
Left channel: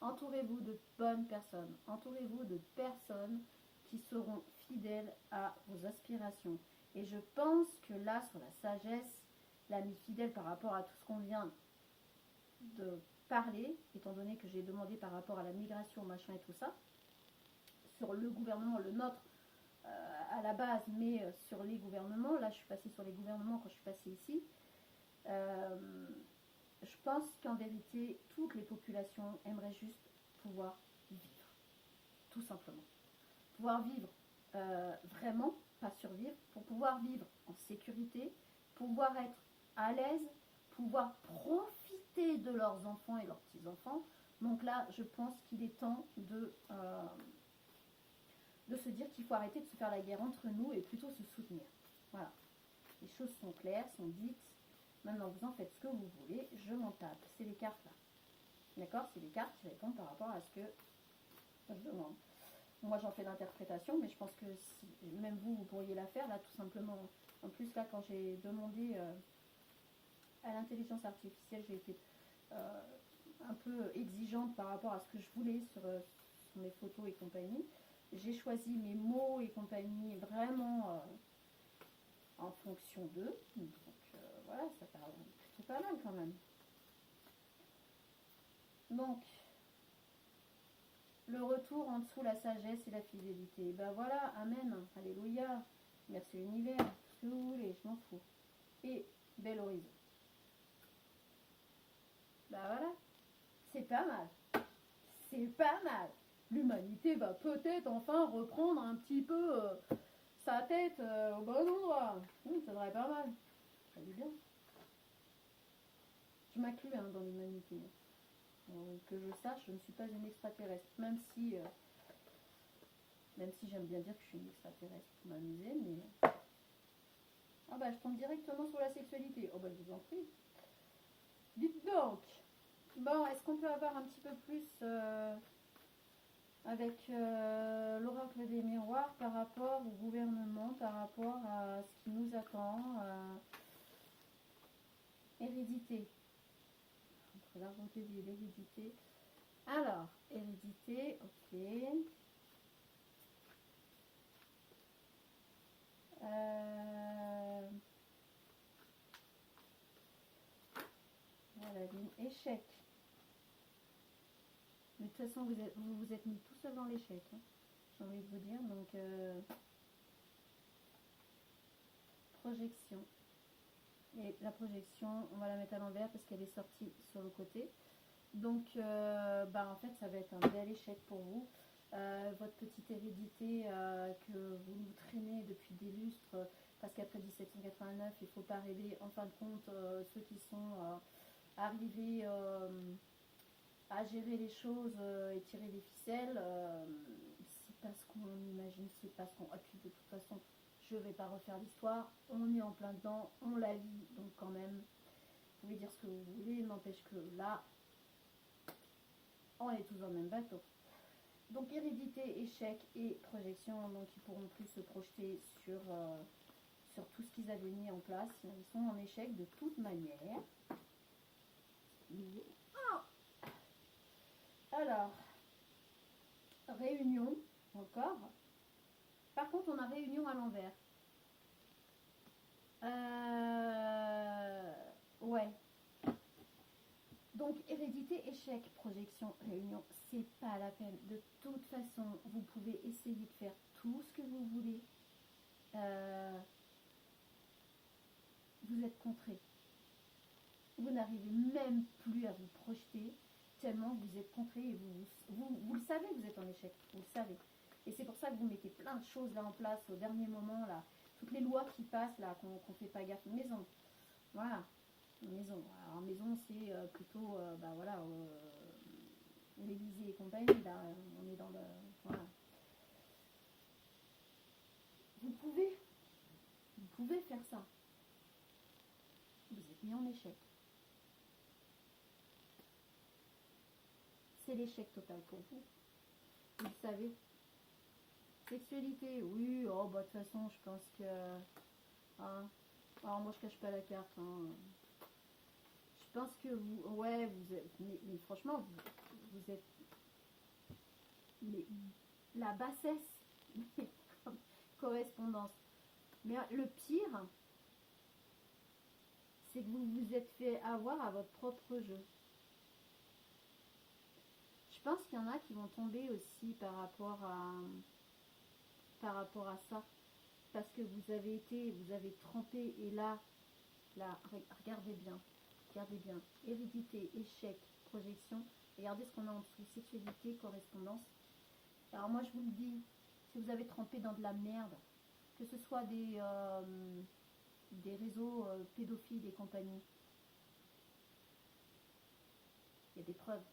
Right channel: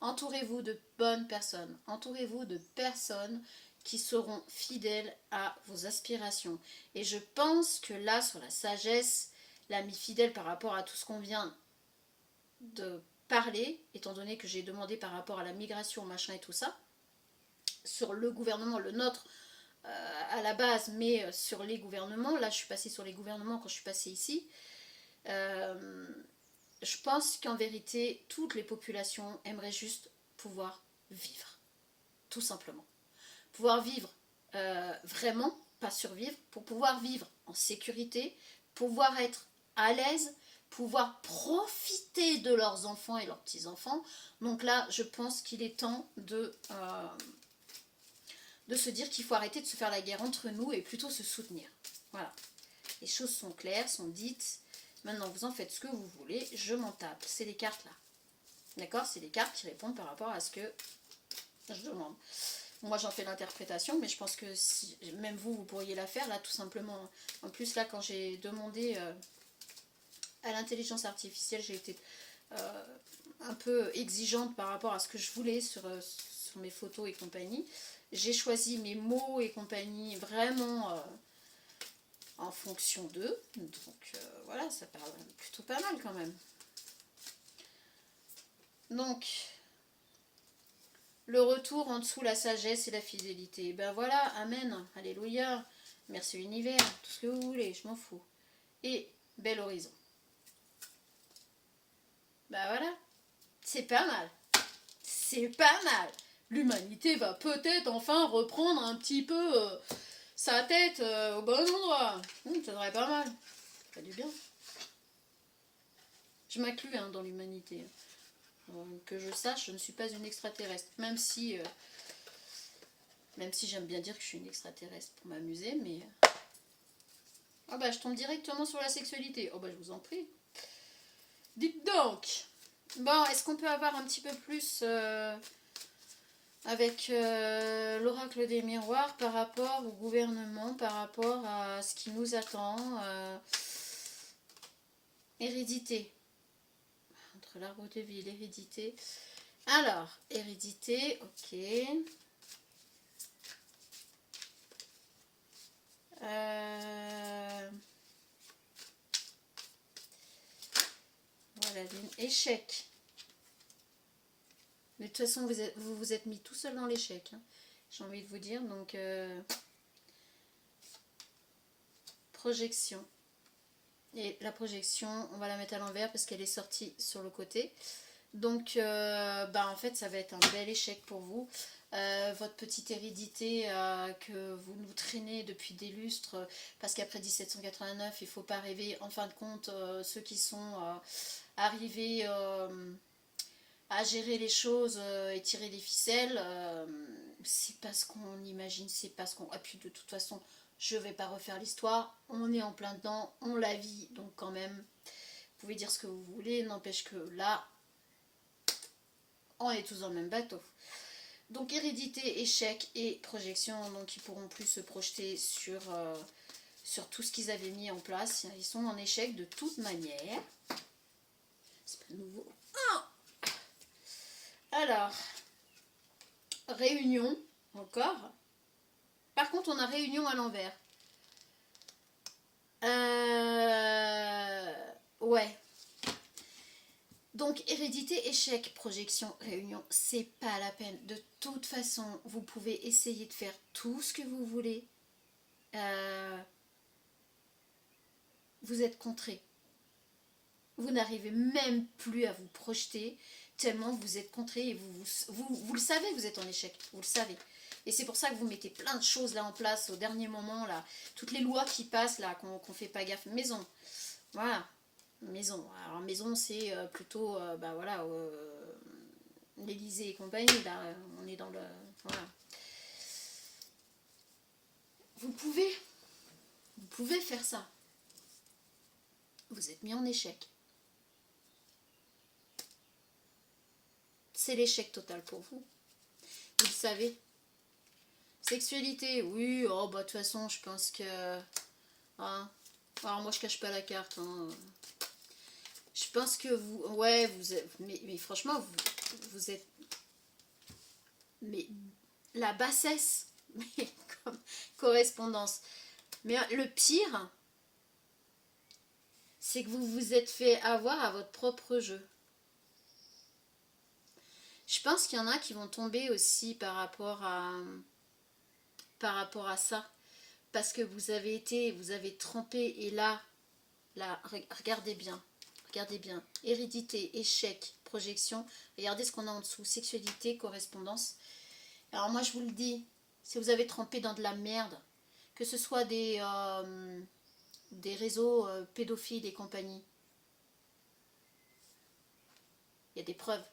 Entourez-vous de bonnes personnes. Entourez-vous de personnes qui seront fidèles à vos aspirations. Et je pense que là, sur la sagesse, l'ami fidèle par rapport à tout ce qu'on vient de parler, étant donné que j'ai demandé par rapport à la migration, machin et tout ça, sur le gouvernement, le nôtre, à la base, mais sur les gouvernements, là je suis passée sur les gouvernements quand je suis passée ici, je pense qu'en vérité, toutes les populations aimeraient juste pouvoir vivre, tout simplement. Pouvoir vivre vraiment, pas survivre, pour pouvoir vivre en sécurité, pouvoir être à l'aise, pouvoir profiter de leurs enfants et leurs petits-enfants. Donc là, je pense qu'il est temps de se dire qu'il faut arrêter de se faire la guerre entre nous et plutôt se soutenir. Voilà. Les choses sont claires, sont dites. Maintenant, vous en faites ce que vous voulez. Je m'en tape. C'est les cartes là. D'accord? C'est les cartes qui répondent par rapport à ce que je demande. Moi, j'en fais l'interprétation, mais je pense que si, même vous, vous pourriez la faire là, tout simplement. En plus, là, quand j'ai demandé à l'intelligence artificielle, j'ai été un peu exigeante par rapport à ce que je voulais sur mes photos et compagnie. J'ai choisi mes mots et compagnie vraiment en fonction d'eux. Donc voilà, ça parle plutôt pas mal quand même. Donc, le retour en dessous, la sagesse et la fidélité. Ben voilà, amen, alléluia, merci l'univers, tout ce que vous voulez, je m'en fous. Et bel horizon. Ben voilà, c'est pas mal. C'est pas mal. L'humanité va peut-être enfin reprendre un petit peu sa tête au bon endroit. Ça devrait pas mal. Ça fait du bien. Je m'inclus dans l'humanité. Que je sache, je ne suis pas une extraterrestre. Même si j'aime bien dire que je suis une extraterrestre pour m'amuser, mais... Ah bah je tombe directement sur la sexualité. Oh bah je vous en prie. Dites donc. Bon, est-ce qu'on peut avoir un petit peu plus... avec l'oracle des miroirs par rapport au gouvernement, par rapport à ce qui nous attend. Hérédité. Entre l'arbre de vie et l'hérédité. Alors, hérédité, ok. Voilà, échec. Mais de toute façon, vous vous êtes mis tout seul dans l'échec. Hein. J'ai envie de vous dire. Donc, projection. Et la projection, on va la mettre à l'envers parce qu'elle est sortie sur le côté. Donc, en fait, ça va être un bel échec pour vous. Votre petite hérédité que vous nous traînez depuis des lustres, parce qu'après 1789, il ne faut pas rêver. En fin de compte, ceux qui sont arrivés à gérer les choses et tirer les ficelles, c'est pas ce qu'on imagine, c'est pas ce qu'on... Et puis de toute façon, je vais pas refaire l'histoire, on est en plein dedans, on la vit, donc quand même, vous pouvez dire ce que vous voulez, n'empêche que là, on est tous dans le même bateau. Donc hérédité, échec et projection, donc ils pourront plus se projeter sur tout ce qu'ils avaient mis en place. Ils sont en échec de toute manière. C'est pas nouveau. Alors, réunion, encore. Par contre, on a réunion à l'envers. Ouais. Donc, hérédité, échec, projection, réunion, c'est pas la peine. De toute façon, vous pouvez essayer de faire tout ce que vous voulez. Vous êtes contré. Vous n'arrivez même plus à vous projeter tellement vous êtes contré et vous le savez, vous êtes en échec. Vous le savez. Et c'est pour ça que vous mettez plein de choses là en place au dernier moment, là. Toutes les lois qui passent, là, qu'on fait pas gaffe. Maison. Voilà. Maison. Alors, maison, c'est plutôt, voilà, l'Élysée et compagnie, là. On est dans le... Voilà. Vous pouvez faire ça. Vous êtes mis en échec. C'est l'échec total pour vous. Vous le savez. Sexualité, oui, oh bah de toute façon, je pense que... Hein, Alors moi je cache pas la carte. Hein. Je pense que vous... Ouais, vous êtes... Mais franchement, vous êtes... Mais la bassesse. Mais comme correspondance. Mais le pire, c'est que vous vous êtes fait avoir à votre propre jeu. Je pense qu'il y en a qui vont tomber aussi par rapport à ça. Parce que vous avez trempé et là, regardez bien. Regardez bien. Hérédité, échec, projection. Regardez ce qu'on a en dessous. Sexualité, correspondance. Alors moi je vous le dis, si vous avez trempé dans de la merde, que ce soit des réseaux pédophiles et compagnie, il y a des preuves.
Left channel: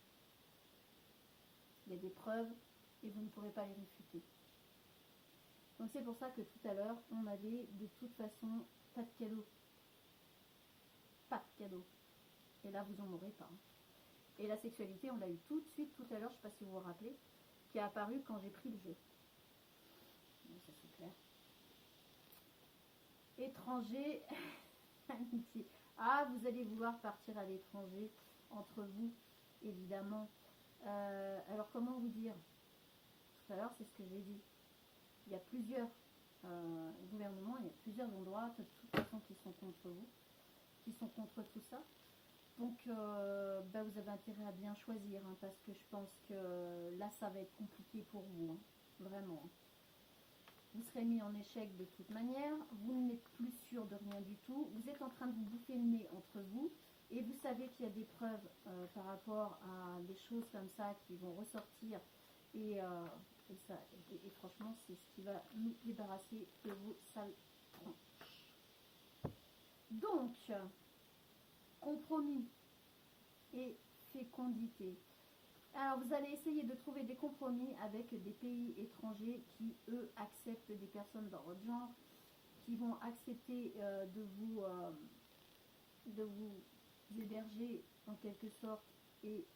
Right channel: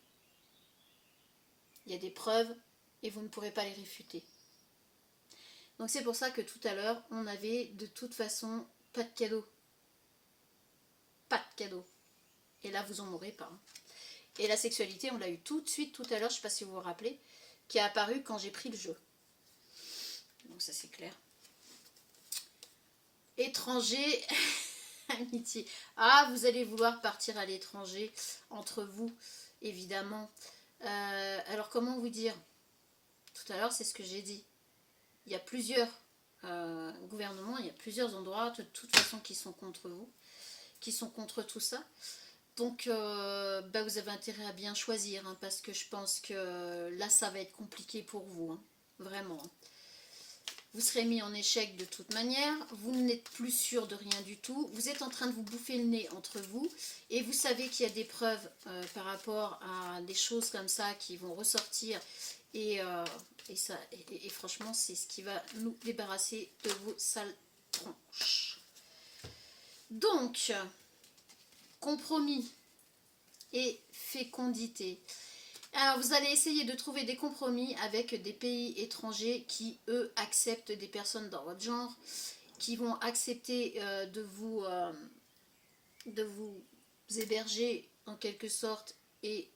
Il y a des preuves et vous ne pourrez pas les réfuter. Donc c'est pour ça que tout à l'heure, on avait de toute façon pas de cadeau. Pas de cadeau. Et là, vous en aurez pas. Et la sexualité, on l'a eu tout de suite tout à l'heure, je ne sais pas si vous vous rappelez, qui est apparu quand j'ai pris le jeu. Donc ça c'est clair. Étranger, amitié. Ah, vous allez vouloir partir à l'étranger, entre vous, évidemment. Alors comment vous dire? Tout à l'heure, c'est ce que j'ai dit. Il y a plusieurs gouvernements, il y a plusieurs endroits, de toute façon, qui sont contre vous, qui sont contre tout ça. Donc, vous avez intérêt à bien choisir, hein, parce que je pense que là, ça va être compliqué pour vous, hein, vraiment. Vous serez mis en échec de toute manière, vous n'êtes plus sûr de rien du tout, vous êtes en train de vous bouffer le nez entre vous, et vous savez qu'il y a des preuves par rapport à des choses comme ça qui vont ressortir, et franchement, c'est ce qui va nous débarrasser de vos sales tronches. Donc, compromis et fécondité. Alors vous allez essayer de trouver des compromis avec des pays étrangers qui eux acceptent des personnes dans votre genre, qui vont accepter de vous héberger en quelque sorte, et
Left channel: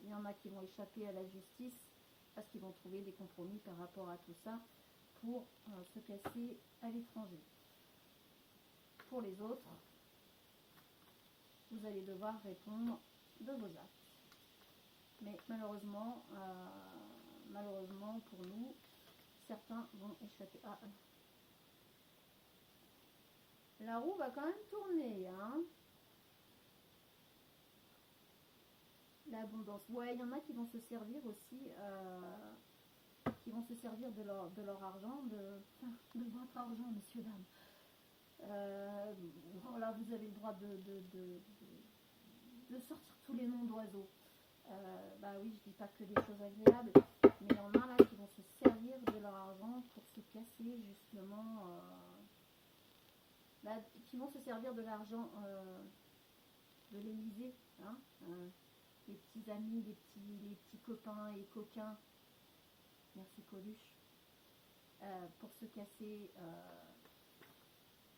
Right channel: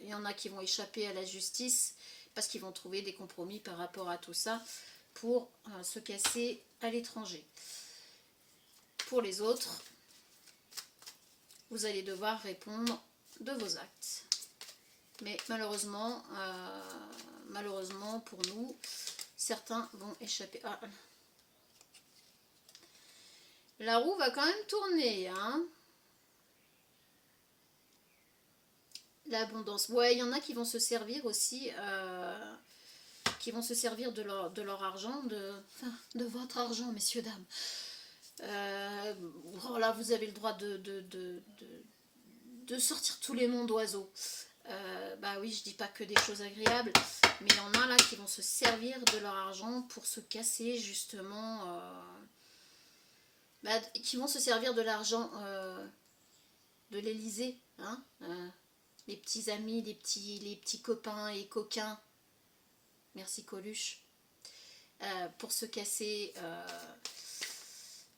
il y en a qui vont échapper à la justice parce qu'ils vont trouver des compromis par rapport à tout ça pour se casser à l'étranger. Pour les autres, vous allez devoir répondre de vos actes. Mais malheureusement pour nous, certains vont échapper. Ah. La roue va quand même tourner, hein. L'abondance. Ouais, il y en a qui vont se servir aussi, qui vont se servir de leur argent, de votre argent, messieurs, dames. Là, vous avez le droit de sortir tous les noms d'oiseaux. Oui, je dis pas que des choses agréables, mais il y en a là qui vont se servir de leur argent pour se casser justement, qui vont se servir de l'argent de l'Élysée, hein, les petits amis, les petits copains et coquins, merci Coluche, pour se casser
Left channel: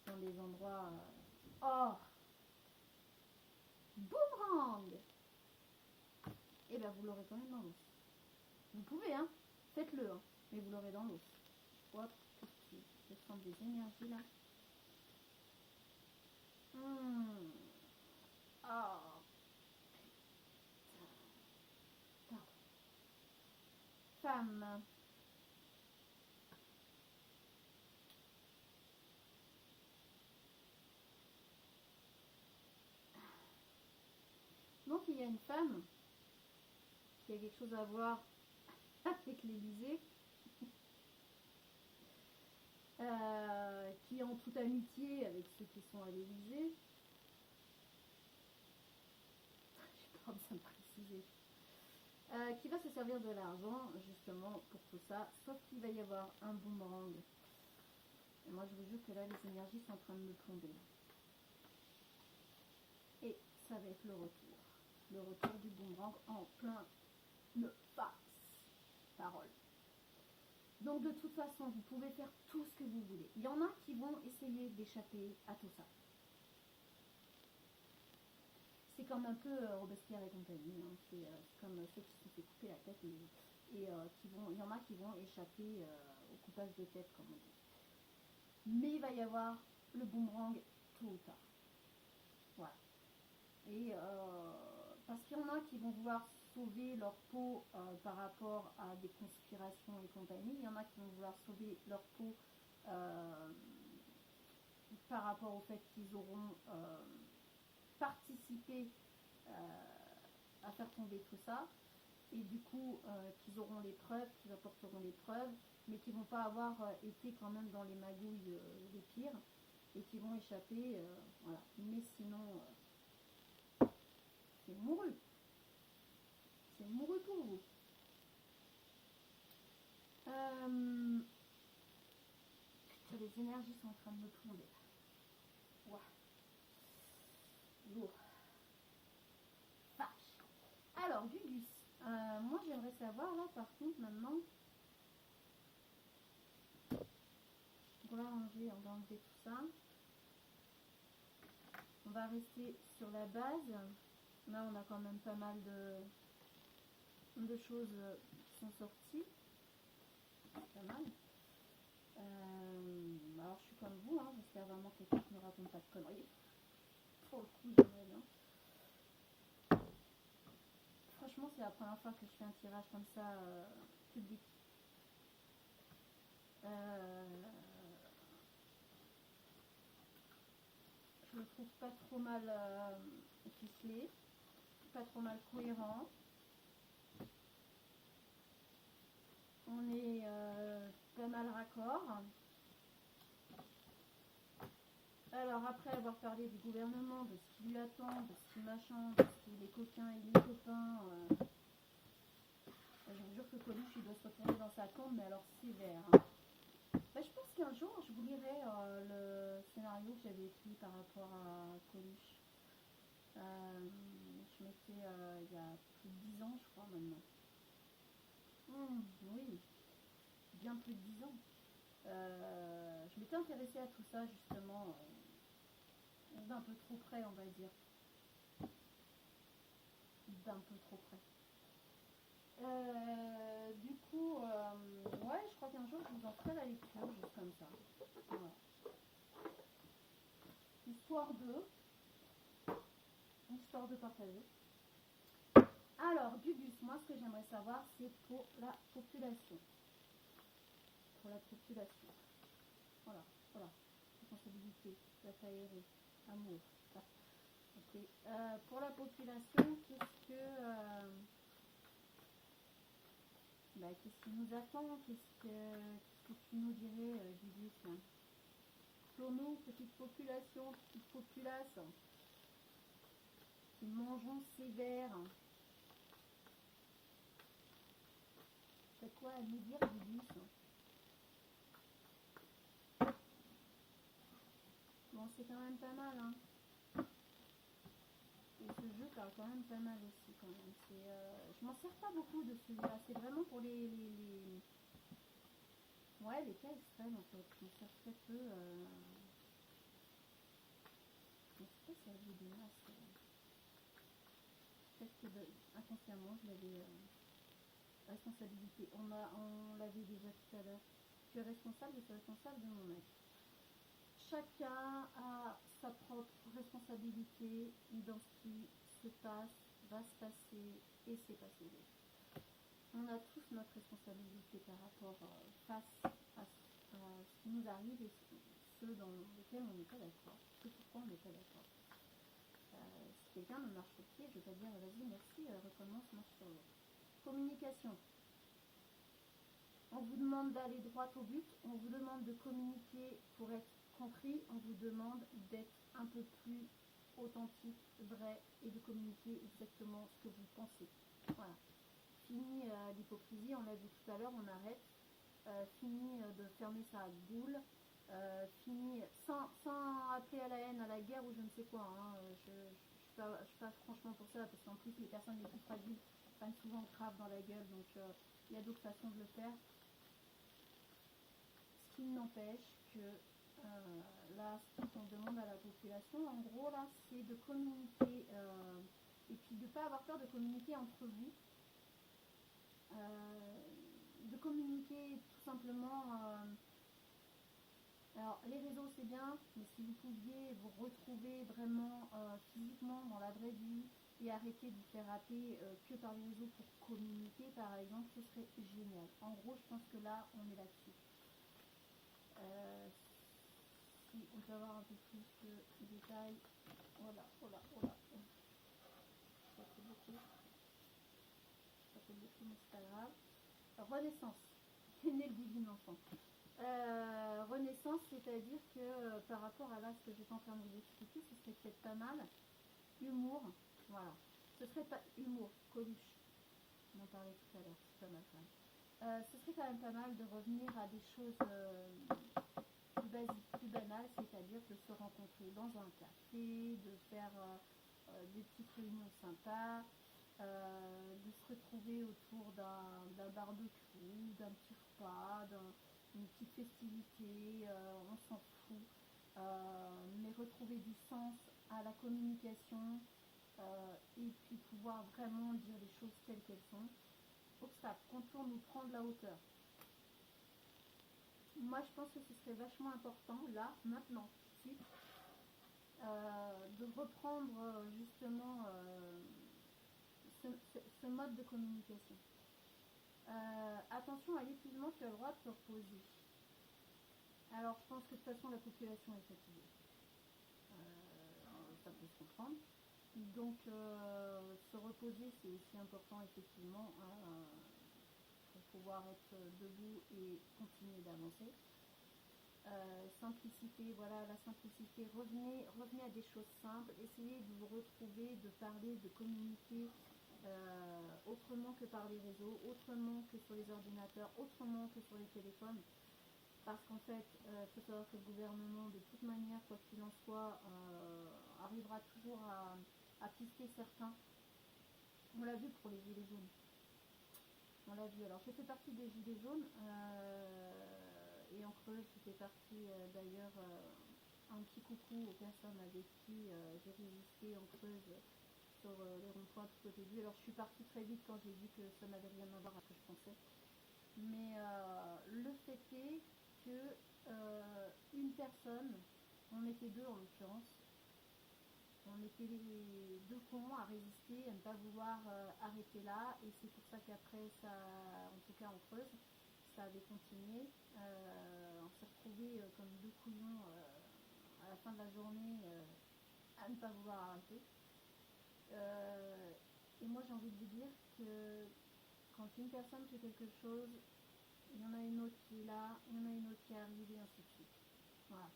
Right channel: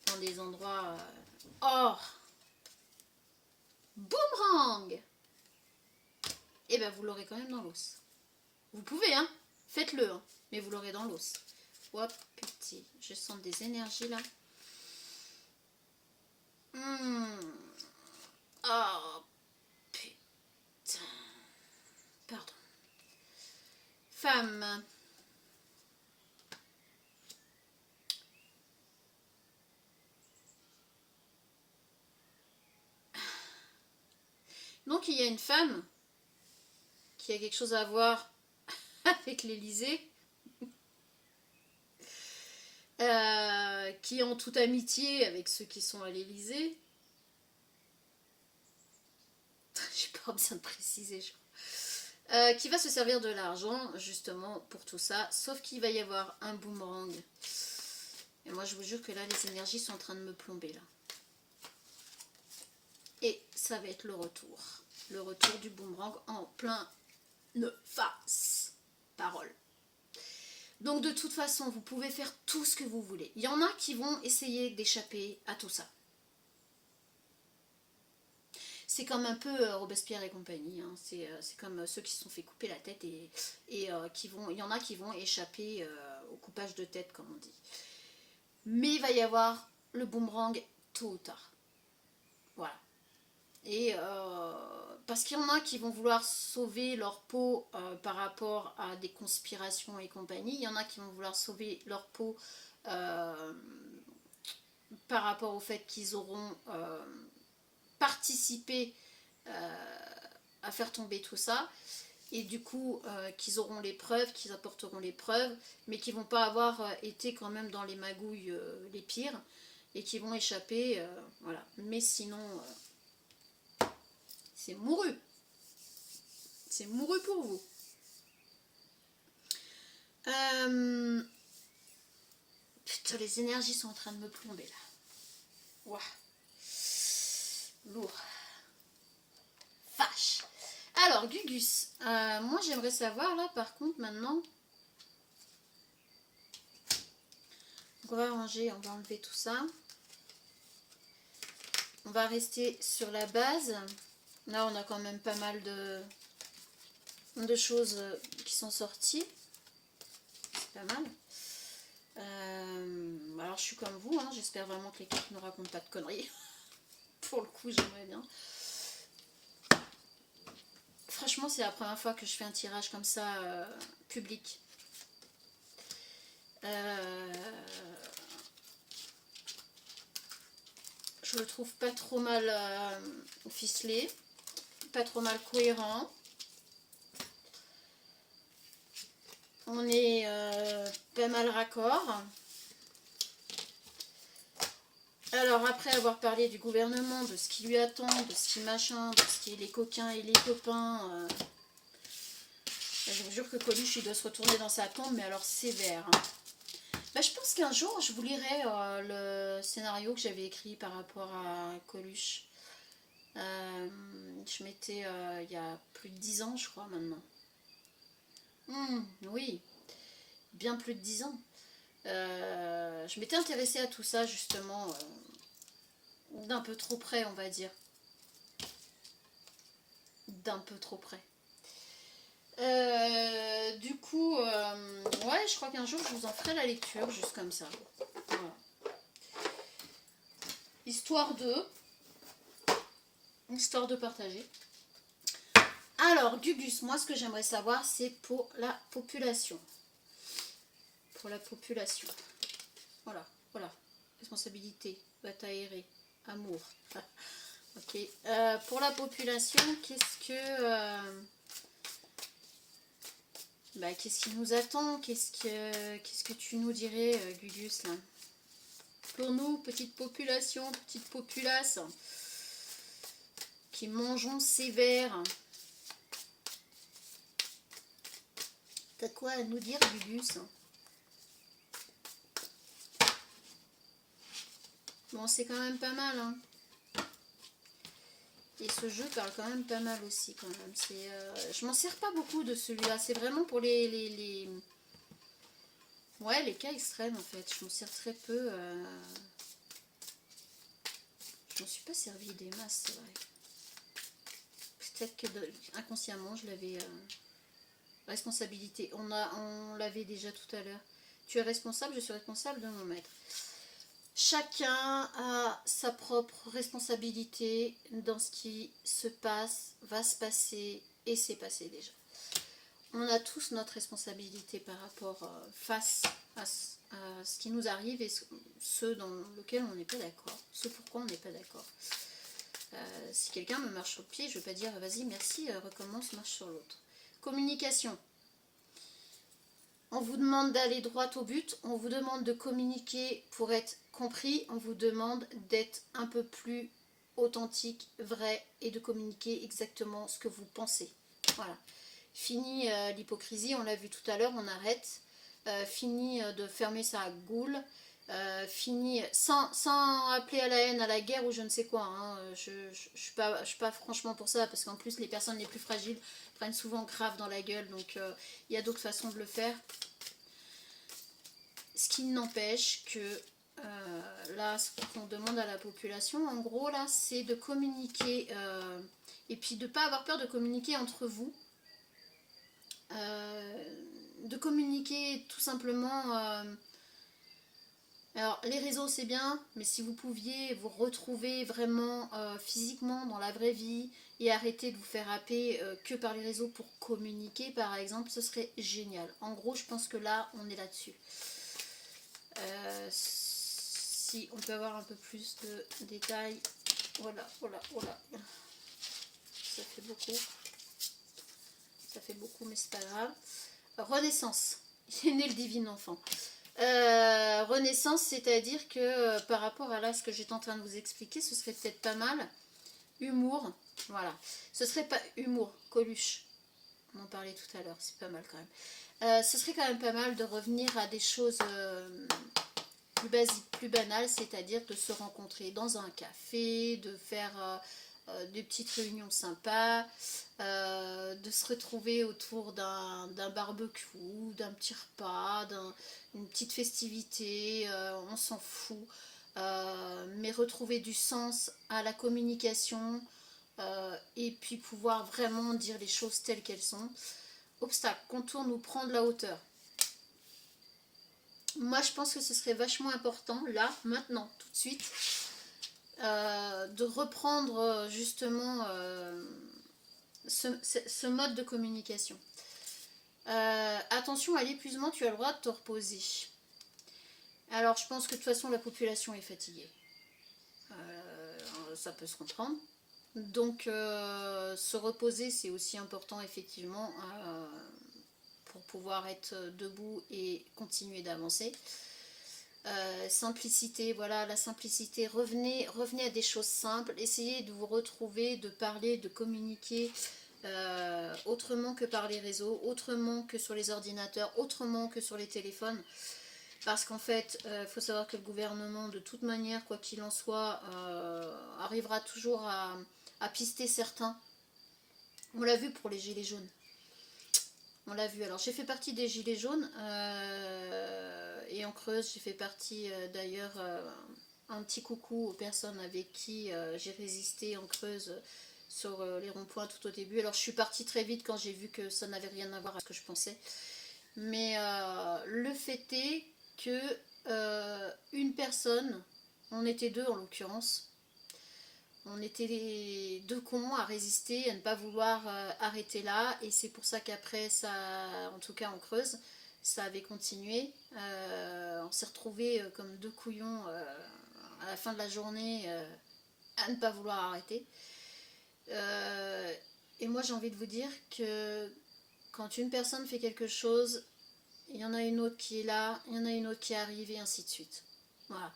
dans des endroits. Boomerang! Et vous l'aurez quand même dans l'os. Vous pouvez, hein, faites-le, hein, mais vous l'aurez dans l'os. Hop, petit, je sens des énergies là. Oh, putain. Pardon. Femme. Donc il y a une femme qui a quelque chose à voir avec l'Élysée, qui est en toute amitié avec ceux qui sont à l'Élysée. J'ai pas besoin de préciser, je crois. Qui va se servir de l'argent justement pour tout ça, sauf qu'il va y avoir un boomerang. Et moi je vous jure que là les énergies sont en train de me plomber là. Et ça va être le retour du boomerang en plein face. Parole. Donc de toute façon, vous pouvez faire tout ce que vous voulez. Il y en a qui vont essayer d'échapper à tout ça. C'est comme un peu Robespierre et compagnie. Hein. C'est comme ceux qui se sont fait couper la tête et il y en a qui vont échapper au coupage de tête, comme on dit. Mais il va y avoir le boomerang tôt ou tard. Voilà. Et parce qu'il y en a qui vont vouloir sauver leur peau par rapport à des conspirations et compagnie. Il y en a qui vont vouloir sauver leur peau par rapport au fait qu'ils auront participé à faire tomber tout ça. Et du coup, qu'ils auront les preuves, qu'ils apporteront les preuves, mais qui vont pas avoir été quand même dans les magouilles les pires, et qui vont échapper, voilà. Mais sinon, c'est mouru. C'est mouru pour vous. Putain, les énergies sont en train de me plomber là. Ouah. Lourd. Vache. Alors, Gugus, moi j'aimerais savoir là par contre maintenant. Donc, on va ranger, on va enlever tout ça. On va rester sur la base. Là, on a quand même pas mal de choses qui sont sorties. C'est pas mal. Alors, je suis comme vous, hein, j'espère vraiment que les cartes ne racontent pas de conneries. Pour le coup, j'aimerais bien. Franchement, c'est la première fois que je fais un tirage comme ça, public. Je le trouve pas trop mal ficelé, pas trop mal cohérent. On est pas mal raccord. Alors après avoir parlé du gouvernement, de ce qui lui attend, de ce qui machin, de ce qui est les coquins et les copains, je vous jure que Coluche il doit se retourner dans sa tombe, mais alors sévère. Hein. Bah, je pense qu'un jour je vous lirai le scénario que j'avais écrit par rapport à Coluche. Je m'étais il y a plus de 10 ans je crois maintenant. Oui, bien plus de 10 ans. Je m'étais intéressée à tout ça justement d'un peu trop près on va dire. D'un peu trop près. Du coup, ouais, je crois qu'un jour je vous en ferai la lecture juste comme ça. Voilà. Histoire de partager. Alors, Gugus, moi ce que j'aimerais savoir c'est pour la population. Pour la population. Voilà, voilà. Responsabilité, bataille aérée, amour. Ok. Pour la population, qu'est-ce qui nous attend? Qu'est-ce que tu nous dirais, Gugus, là? Pour nous, petite population, petite populace, qui mangeons sévère. T'as quoi à nous dire, Gugus? Bon, c'est quand même pas mal, hein. Et ce jeu parle quand même pas mal aussi, quand même. Je m'en sers pas beaucoup de celui-là. C'est vraiment pour ouais, les cas extrêmes, en fait. Je m'en sers très peu. Je m'en suis pas servi des masses, c'est vrai. Peut-être que inconsciemment, je l'avais... Responsabilité. On l'avait déjà tout à l'heure. Tu es responsable, je suis responsable de mon maître. Chacun a sa propre responsabilité dans ce qui se passe, va se passer et s'est passé déjà. On a tous notre responsabilité par rapport face à ce qui nous arrive et ce dans lequel on n'est pas d'accord, ce pourquoi on n'est pas d'accord. Si quelqu'un me marche sur le pied, je ne vais pas dire vas-y merci, recommence, marche sur l'autre. Communication. On vous demande d'aller droit au but, on vous demande de communiquer pour être compris, on vous demande d'être un peu plus authentique, vrai et de communiquer exactement ce que vous pensez. Voilà. Fini l'hypocrisie, on l'a vu tout à l'heure, on arrête. Fini de fermer sa goule. Fini sans appeler à la haine, à la guerre ou je ne sais quoi. Hein. Je suis pas franchement pour ça parce qu'en plus les personnes les plus fragiles prennent souvent grave dans la gueule, donc il y a d'autres façons de le faire. Ce qui n'empêche que là, ce qu'on demande à la population, en gros, là, c'est de communiquer et puis de ne pas avoir peur de communiquer entre vous. De communiquer tout simplement Alors, les réseaux, c'est bien, mais si vous pouviez vous retrouver vraiment physiquement dans la vraie vie et arrêter de vous faire happer que par les réseaux pour communiquer, par exemple, ce serait génial. En gros, je pense que là, on est là-dessus. Si on peut avoir un peu plus de détails. Voilà, voilà, voilà. Ça fait beaucoup. Ça fait beaucoup, mais c'est pas grave. Renaissance. Il est né le divin enfant. Renaissance, c'est-à-dire que par rapport à là ce que j'étais en train de vous expliquer, ce serait peut-être pas mal. Humour, voilà. Ce serait pas humour, Coluche. On en parlait tout à l'heure, c'est pas mal quand même. Ce serait quand même pas mal de revenir à des choses plus basiques, plus banales, c'est-à-dire de se rencontrer dans un café, de faire des petites réunions sympas, de se retrouver autour d'un barbecue, d'un petit repas, d'une petite festivité, on s'en fout. Mais retrouver du sens à la communication et puis pouvoir vraiment dire les choses telles qu'elles sont. Obstacle, contourne ou prendre la hauteur. Moi, je pense que ce serait vachement important, là, maintenant, tout de suite, de reprendre justement ce mode de communication. Attention à l'épuisement, tu as le droit de te reposer. Alors, je pense que de toute façon, la population est fatiguée. Ça peut se comprendre. Donc, se reposer, c'est aussi important, effectivement, pour pouvoir être debout et continuer d'avancer. Simplicité, voilà, la simplicité. Revenez à des choses simples. Essayez de vous retrouver, de parler, de communiquer autrement que par les réseaux, autrement que sur les ordinateurs, autrement que sur les téléphones. Parce qu'en fait, il faut savoir que le gouvernement, de toute manière, quoi qu'il en soit, arrivera toujours à pister certains. On l'a vu pour les gilets jaunes. On l'a vu. Alors, j'ai fait partie des gilets jaunes. Et en Creuse, j'ai fait partie d'ailleurs, un petit coucou aux personnes avec qui j'ai résisté en Creuse sur les ronds-points tout au début. Alors, je suis partie très vite quand j'ai vu que ça n'avait rien à voir avec ce que je pensais. Mais le fait est que une personne, on était deux en l'occurrence, on était les deux cons à résister, à ne pas vouloir arrêter là, et c'est pour ça qu'après ça, en tout cas en Creuse, ça avait continué. On s'est retrouvés comme deux couillons à la fin de la journée à ne pas vouloir arrêter. Et moi j'ai envie de vous dire que quand une personne fait quelque chose, il y en a une autre qui est là, il y en a une autre qui arrive, et ainsi de suite. Voilà.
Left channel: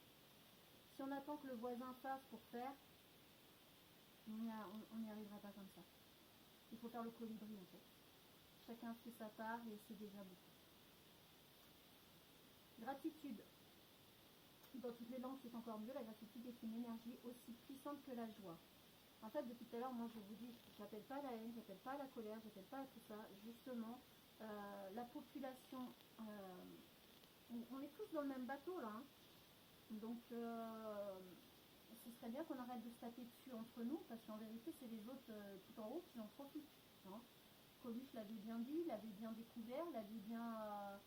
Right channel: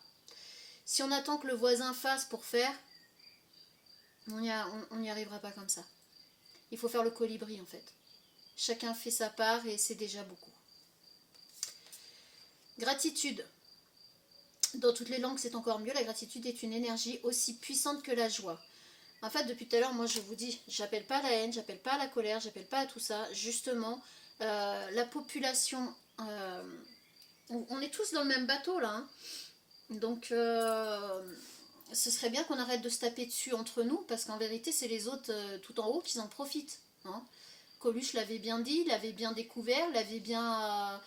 Si on attend que le voisin fasse pour faire, on n'y arrivera pas comme ça. Il faut faire le colibri en fait. Chacun fait sa part et c'est déjà beaucoup. Gratitude. Dans toutes les langues, c'est encore mieux. La gratitude est une énergie aussi puissante que la joie. En fait, depuis tout à l'heure, moi je vous dis, j'appelle pas à la haine, j'appelle pas à la colère, j'appelle pas à tout ça. Justement, la population, on est tous dans le même bateau là. Hein. Donc, ce serait bien qu'on arrête de se taper dessus entre nous, parce qu'en vérité, c'est les autres tout en haut qui en profitent. Hein. Coluche l'avait bien dit, l'avait bien découvert, l'avait bien...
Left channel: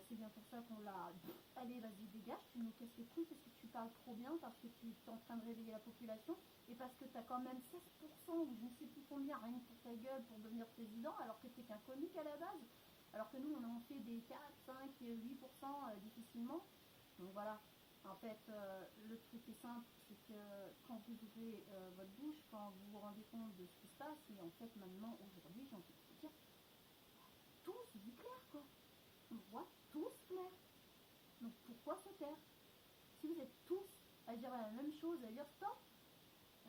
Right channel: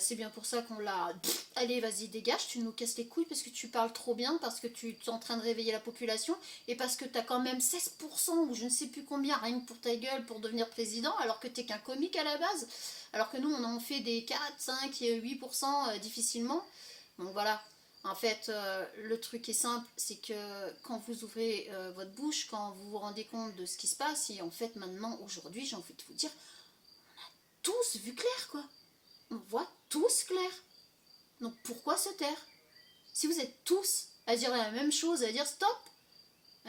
c'est bien pour ça qu'on l'a... Allez, vas-y, dégage, tu nous casses les couilles parce que tu parles trop bien, parce que tu es en train de réveiller la population, et parce que tu as quand même 16% ou je ne sais plus combien, rien que pour ta gueule, pour devenir président, alors que tu n'es qu'un comique à la base. Alors que nous, on en fait des 4, 5 et 8% difficilement. Donc voilà. En fait, le truc est simple, c'est que quand vous ouvrez votre bouche, quand vous vous rendez compte de ce qui se passe, et en fait maintenant, aujourd'hui, j'ai envie de vous dire, tous vu clair quoi. On voit tous clair. Donc pourquoi se taire? Si vous êtes tous à dire la même chose, à dire stop,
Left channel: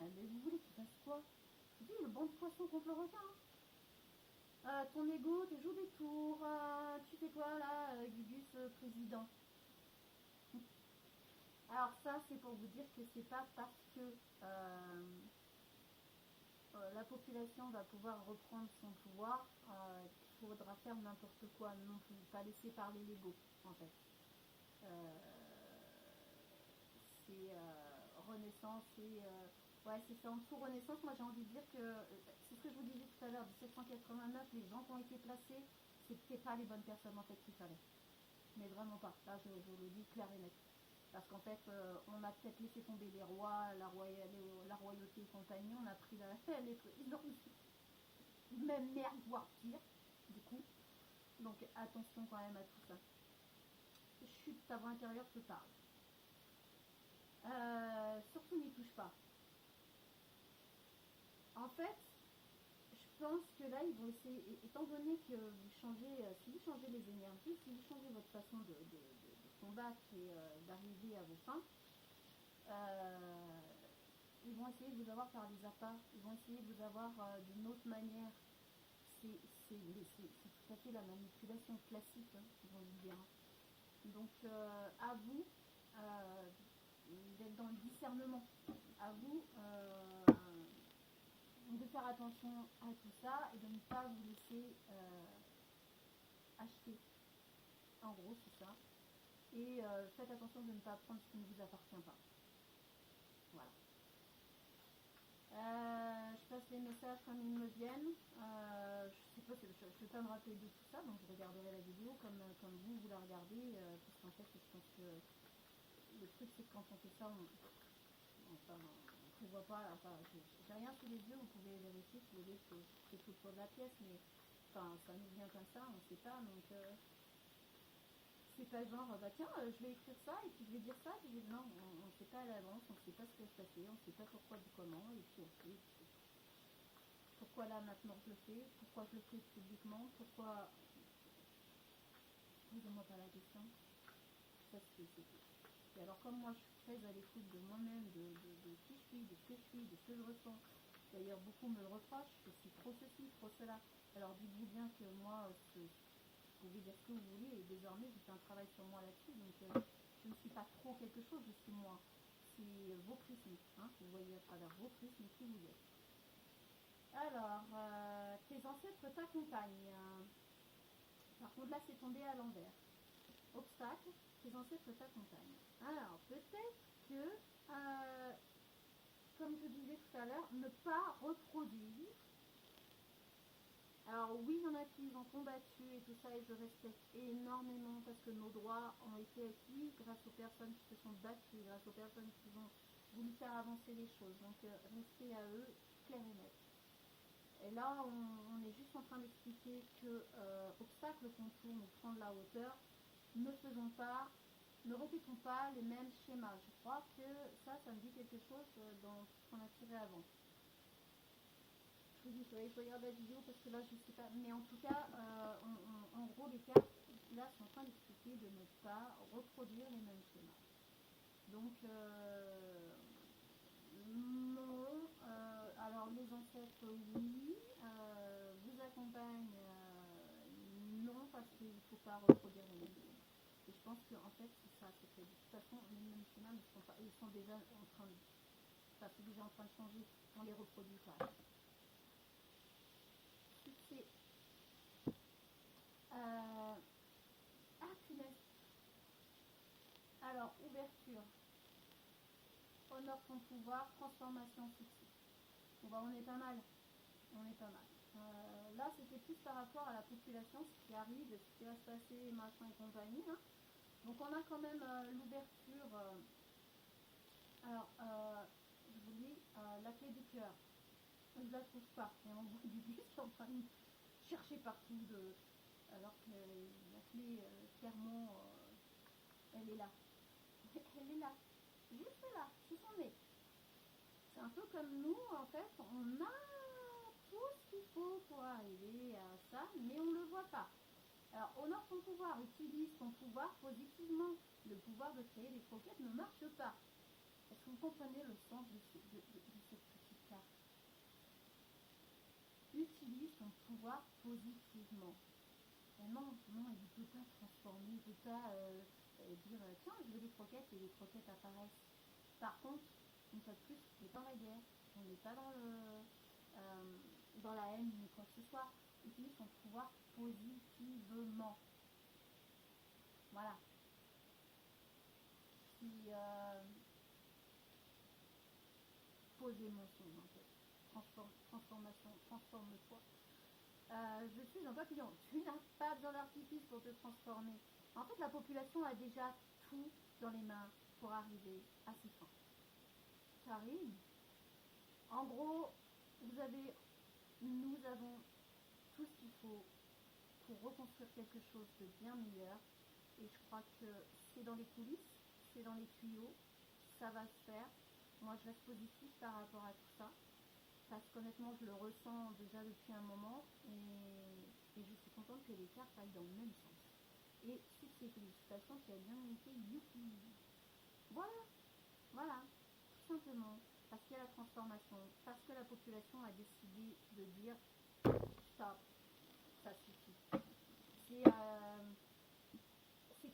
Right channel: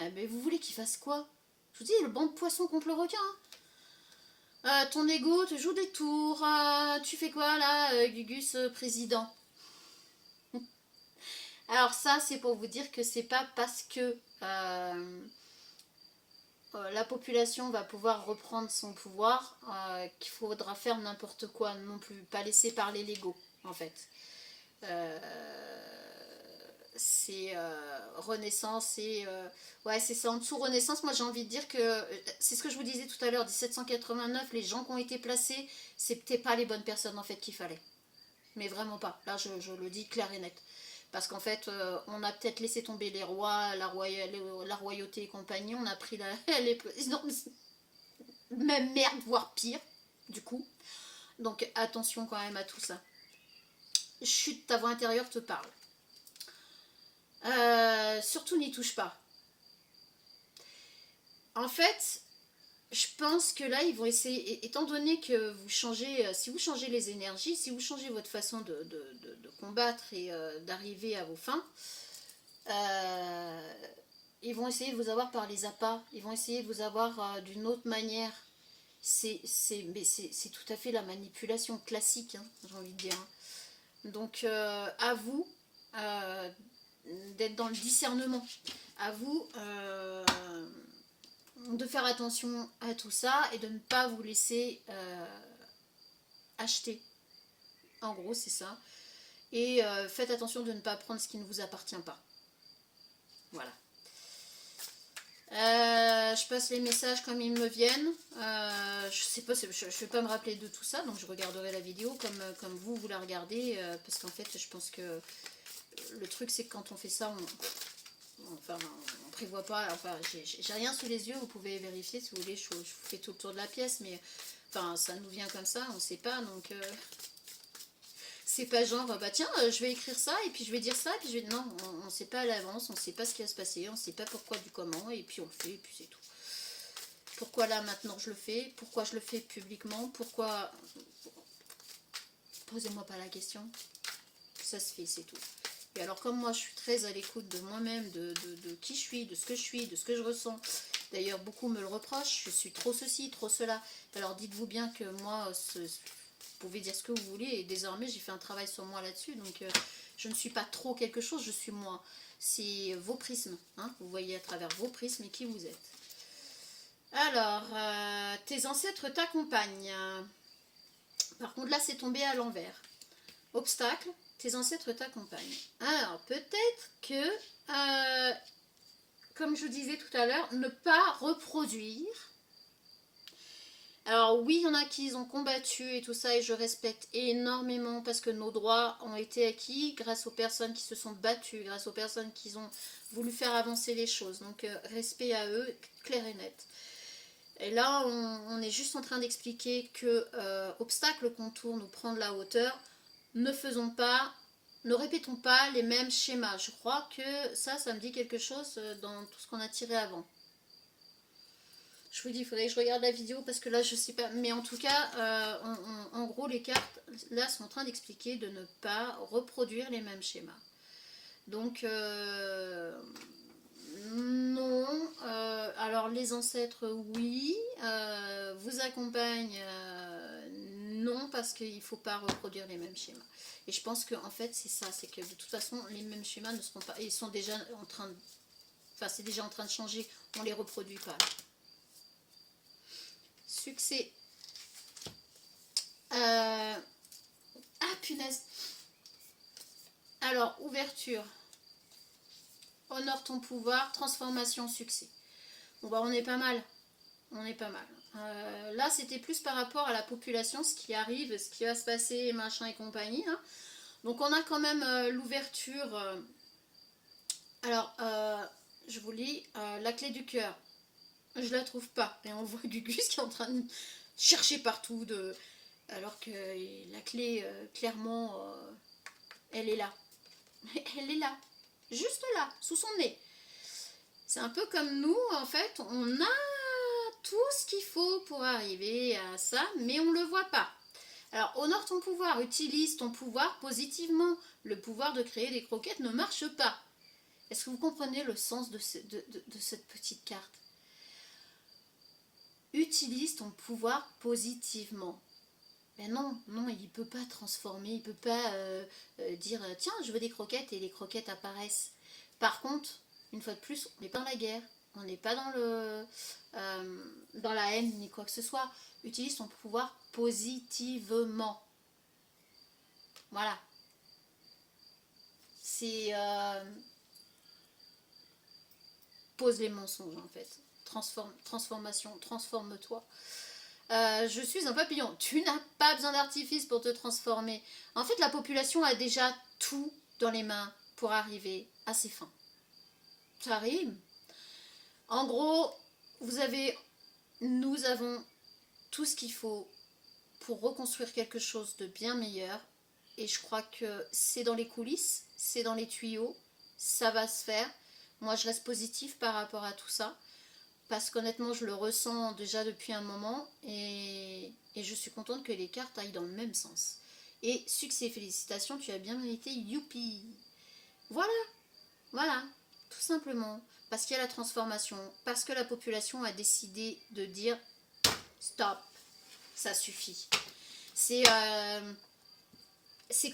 eh ben vous voulez qu'il fasse quoi? Je vous dis, le banc de poissons contre le requin. Ton ego te joue des tours. Tu fais quoi là, Gugus président? Alors ça, c'est pour vous dire que c'est pas parce que la population va pouvoir reprendre son pouvoir qu'il faudra faire n'importe quoi non plus, pas laisser parler l'ego en fait. C'est Renaissance et ouais c'est ça, en dessous Renaissance, moi j'ai envie de dire que c'est ce que je vous disais tout à l'heure, 1789, les gens qui ont été placés, c'était pas les bonnes personnes en fait qu'il fallait, mais vraiment pas, là je le dis clair et net. Parce qu'en fait, on a peut-être laissé tomber les rois, la royauté et compagnie. On a pris non, même merde, voire pire, du coup. Donc attention quand même à tout ça. Chut, ta voix intérieure te parle. Surtout n'y touche pas. En fait, je pense que là, ils vont essayer, étant donné que vous changez, si vous changez les énergies, si vous changez votre façon de combattre et d'arriver à vos fins, ils vont essayer de vous avoir par les appâts, ils vont essayer de vous avoir d'une autre manière. C'est tout à fait la manipulation classique, hein, j'ai envie de dire. Donc, à vous d'être dans le discernement, à vous de faire attention à tout ça et de ne pas vous laisser acheter. En gros, c'est ça. Et faites attention de ne pas prendre ce qui ne vous appartient pas. Voilà. Je passe les messages comme ils me viennent. Je sais pas, je ne vais pas me rappeler de tout ça, donc je regarderai la vidéo comme vous la regardez, parce qu'en fait, je pense que le truc, c'est que quand on fait ça, on prévoit pas. Enfin, j'ai rien sous les yeux, vous pouvez vérifier si vous voulez. Je vous fais tout le tour de la pièce, mais enfin, ça nous vient comme ça, on ne sait pas, donc. C'est pas genre, bah tiens, je vais écrire ça, et puis je vais dire ça, et puis je vais... Non, on ne sait pas à l'avance, on ne sait pas ce qui va se passer, on ne sait pas pourquoi du comment, et puis on le fait, et puis c'est tout. Pourquoi là, maintenant, je le fais? Pourquoi je le fais publiquement? Pourquoi... Posez-moi pas la question. Ça se fait, c'est tout. Et alors, comme moi, je suis très à l'écoute de moi-même, de qui je suis, de ce que je suis, de ce que je ressens. D'ailleurs, beaucoup me le reprochent, je suis trop ceci, trop cela. Alors, dites-vous bien que moi... Vous pouvez dire ce que vous voulez, et désormais j'ai fait un travail sur moi là-dessus, donc je ne suis pas trop quelque chose, je suis moi. C'est vos prismes, hein, vous voyez à travers vos prismes et qui vous êtes. Alors, tes ancêtres t'accompagnent. Par contre là c'est tombé à l'envers. Obstacle, tes ancêtres t'accompagnent. Alors peut-être que, comme je vous disais tout à l'heure, ne pas reproduire. Alors oui, il y en a qui ont combattu et tout ça, et je respecte énormément parce que nos droits ont été acquis grâce aux personnes qui se sont battues, grâce aux personnes qui ont voulu faire avancer les choses. Donc respect à eux, clair et net. Et là, on est juste en train d'expliquer que obstacle qu'on tourne ou prendre la hauteur, ne faisons pas, ne répétons pas les mêmes schémas. Je crois que ça me dit quelque chose dans tout ce qu'on a tiré avant. Je vous dis, il faudrait que je regarde la vidéo parce que là, je sais pas. Mais en tout cas, en gros, les cartes, là, sont en train d'expliquer de ne pas reproduire les mêmes schémas. Donc, non. Alors, les ancêtres, oui. Vous accompagnent, non, parce qu'il ne faut pas reproduire les mêmes schémas. Et je pense qu'en fait, c'est ça. C'est que de toute façon, les mêmes schémas ne seront pas... Ils sont déjà en train de... Enfin, c'est déjà en train de changer. On ne les reproduit pas. Succès. Ah, punaise. Alors, ouverture. Honore ton pouvoir. Transformation, succès. Bon, bah, on est pas mal. On est pas mal. Là, c'était plus par rapport à la population, ce qui arrive, ce qui va se passer, machin et compagnie. Hein. Donc, on a quand même l'ouverture. Alors, je vous lis. La clé du cœur. Je la trouve pas. Et on voit Gugus qui est en train de chercher partout, alors que la clé, clairement, elle est là. Elle est là. Juste là, sous son nez. C'est un peu comme nous, en fait, on a tout ce qu'il faut pour arriver à ça, mais on ne le voit pas. Alors, honore ton pouvoir, utilise ton pouvoir positivement. Le pouvoir de créer des croquettes ne marche pas. Est-ce que vous comprenez le sens de cette petite carte? Utilise ton pouvoir positivement. Ben non, non, il ne peut pas transformer, il ne peut pas dire tiens, je veux des croquettes et les croquettes apparaissent. Par contre, une fois de plus, on n'est pas dans la guerre, on n'est pas dans la haine ni quoi que ce soit. Utilise ton pouvoir positivement. Voilà. C'est pose les mensonges en fait. Transformation, transforme-toi. Je suis un papillon. Tu n'as pas besoin d'artifice pour te transformer. En fait, la population a déjà tout dans les mains pour arriver à ses fins. Ça rime. En gros, nous avons tout ce qu'il faut pour reconstruire quelque chose de bien meilleur. Et je crois que c'est dans les coulisses, c'est dans les tuyaux, ça va se faire. Moi, je reste positive par rapport à tout ça. Parce qu'honnêtement, je le ressens déjà depuis un moment. Et je suis contente que les cartes aillent dans le même sens. Et succès et félicitations, tu as bien mérité, youpi. Voilà, voilà, tout simplement. Parce qu'il y a la transformation, parce que la population a décidé de dire stop, ça suffit. C'est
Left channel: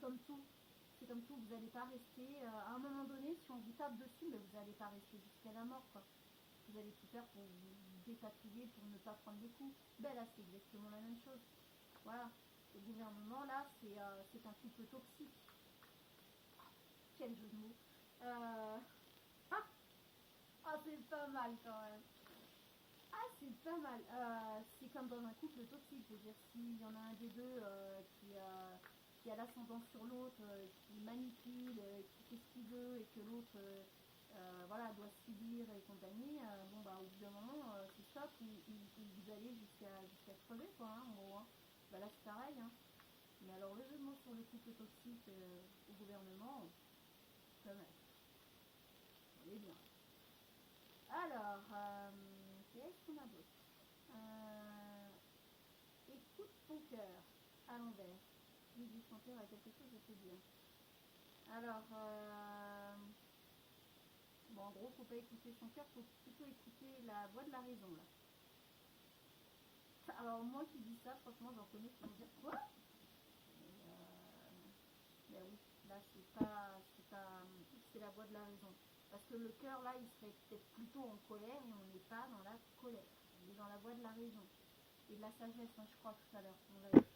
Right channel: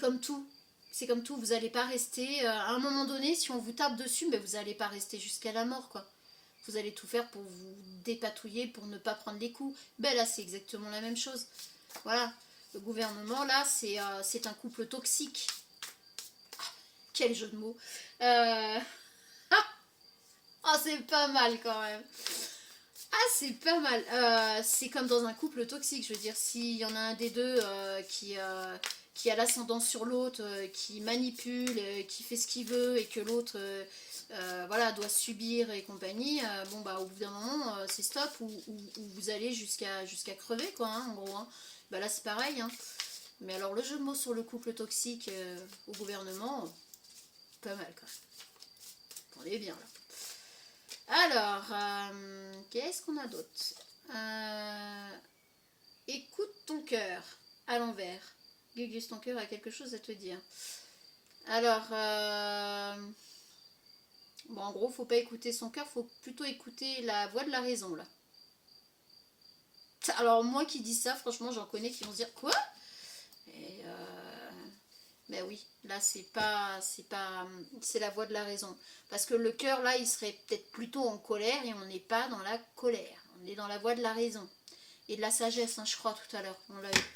comme tout. C'est comme tout, vous n'allez pas rester, à un moment donné, si on vous tape dessus, mais vous n'allez pas rester jusqu'à la mort, quoi. Vous allez tout faire pour vous dépatouiller, pour ne pas prendre les coups. Ben là, c'est exactement la même chose. Voilà, le gouvernement, là, c'est un couple toxique. Ah, quel jeu de mots. Ah, c'est pas mal quand même. Ah, c'est pas mal. C'est comme dans un couple toxique, je veux dire, s'il y en a un des deux qui a l'ascendant sur l'autre, qui manipule, qui fait ce qu'il veut et que l'autre voilà, doit subir et compagnie, bon bah au bout d'un moment c'est stop ou vous allez jusqu'à crever quoi, hein, en gros. Hein. Bah là c'est pareil. Hein. Mais alors le jeu de mots sur le couple toxique au gouvernement, pas mal quoi. On est bien là. Alors, qu'est-ce qu'on a d'autre écoute ton cœur à l'envers. Gugus, ton cœur a quelque chose à te dire. Alors, bon, en gros, faut pas écouter son cœur, faut plutôt écouter la voix de la raison, là. Alors, moi qui dis ça, franchement, j'en connais qui vont se dire quoi. Et ben oui, là, c'est la voix de la raison. Parce que le cœur, là, il serait peut-être plutôt en colère et on n'est pas dans la colère. On est dans la voie de la raison. Et de la sagesse, hein, je crois, tout à l'heure. On l'a vu.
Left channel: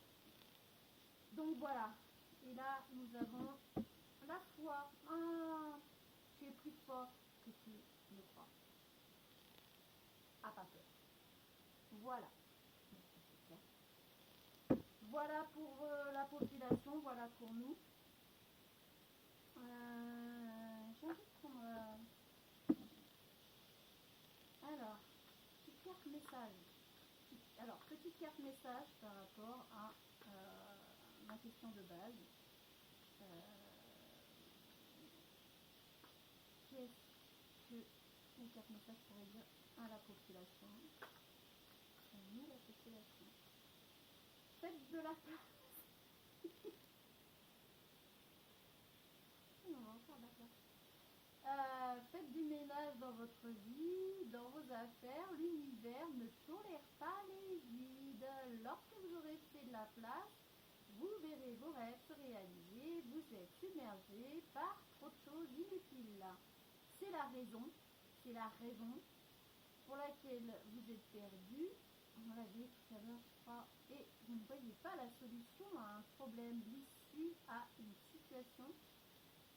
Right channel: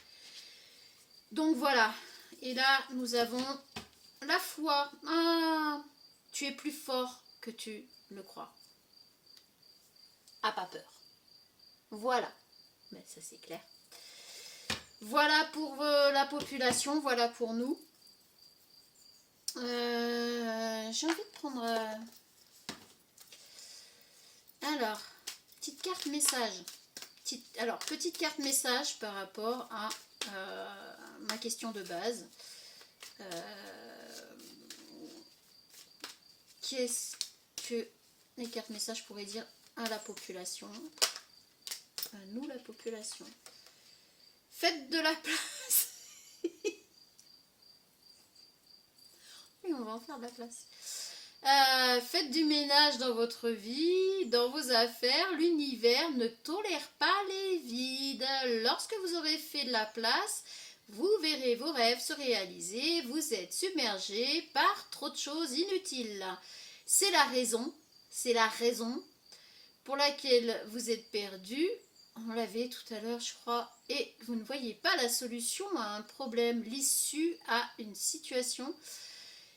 Donc voilà. Et là, nous avons la foi. Ah, tu es plus fort que tu le crois. Ah, pas peur. Voilà. Mais ça, c'est clair. Voilà pour la population. Voilà pour nous. J'ai envie de prendre... Alors, petite carte message. Petite carte message par rapport à ma question de base. Qu'est-ce que les cartes messages pourraient dire à la population, à nous la population? Faites de la place. Oui, on va en faire de la place. Faites du ménage dans votre vie, dans vos affaires. L'univers ne tolère pas les vides. Lorsque vous aurez fait de la place, vous verrez vos rêves se réaliser. Vous êtes submergé par trop de choses inutiles. C'est la raison pour laquelle vous êtes perdu. On l'avait tout à l'heure, je crois. Et vous ne voyez pas la solution à un problème, l'issue à une situation.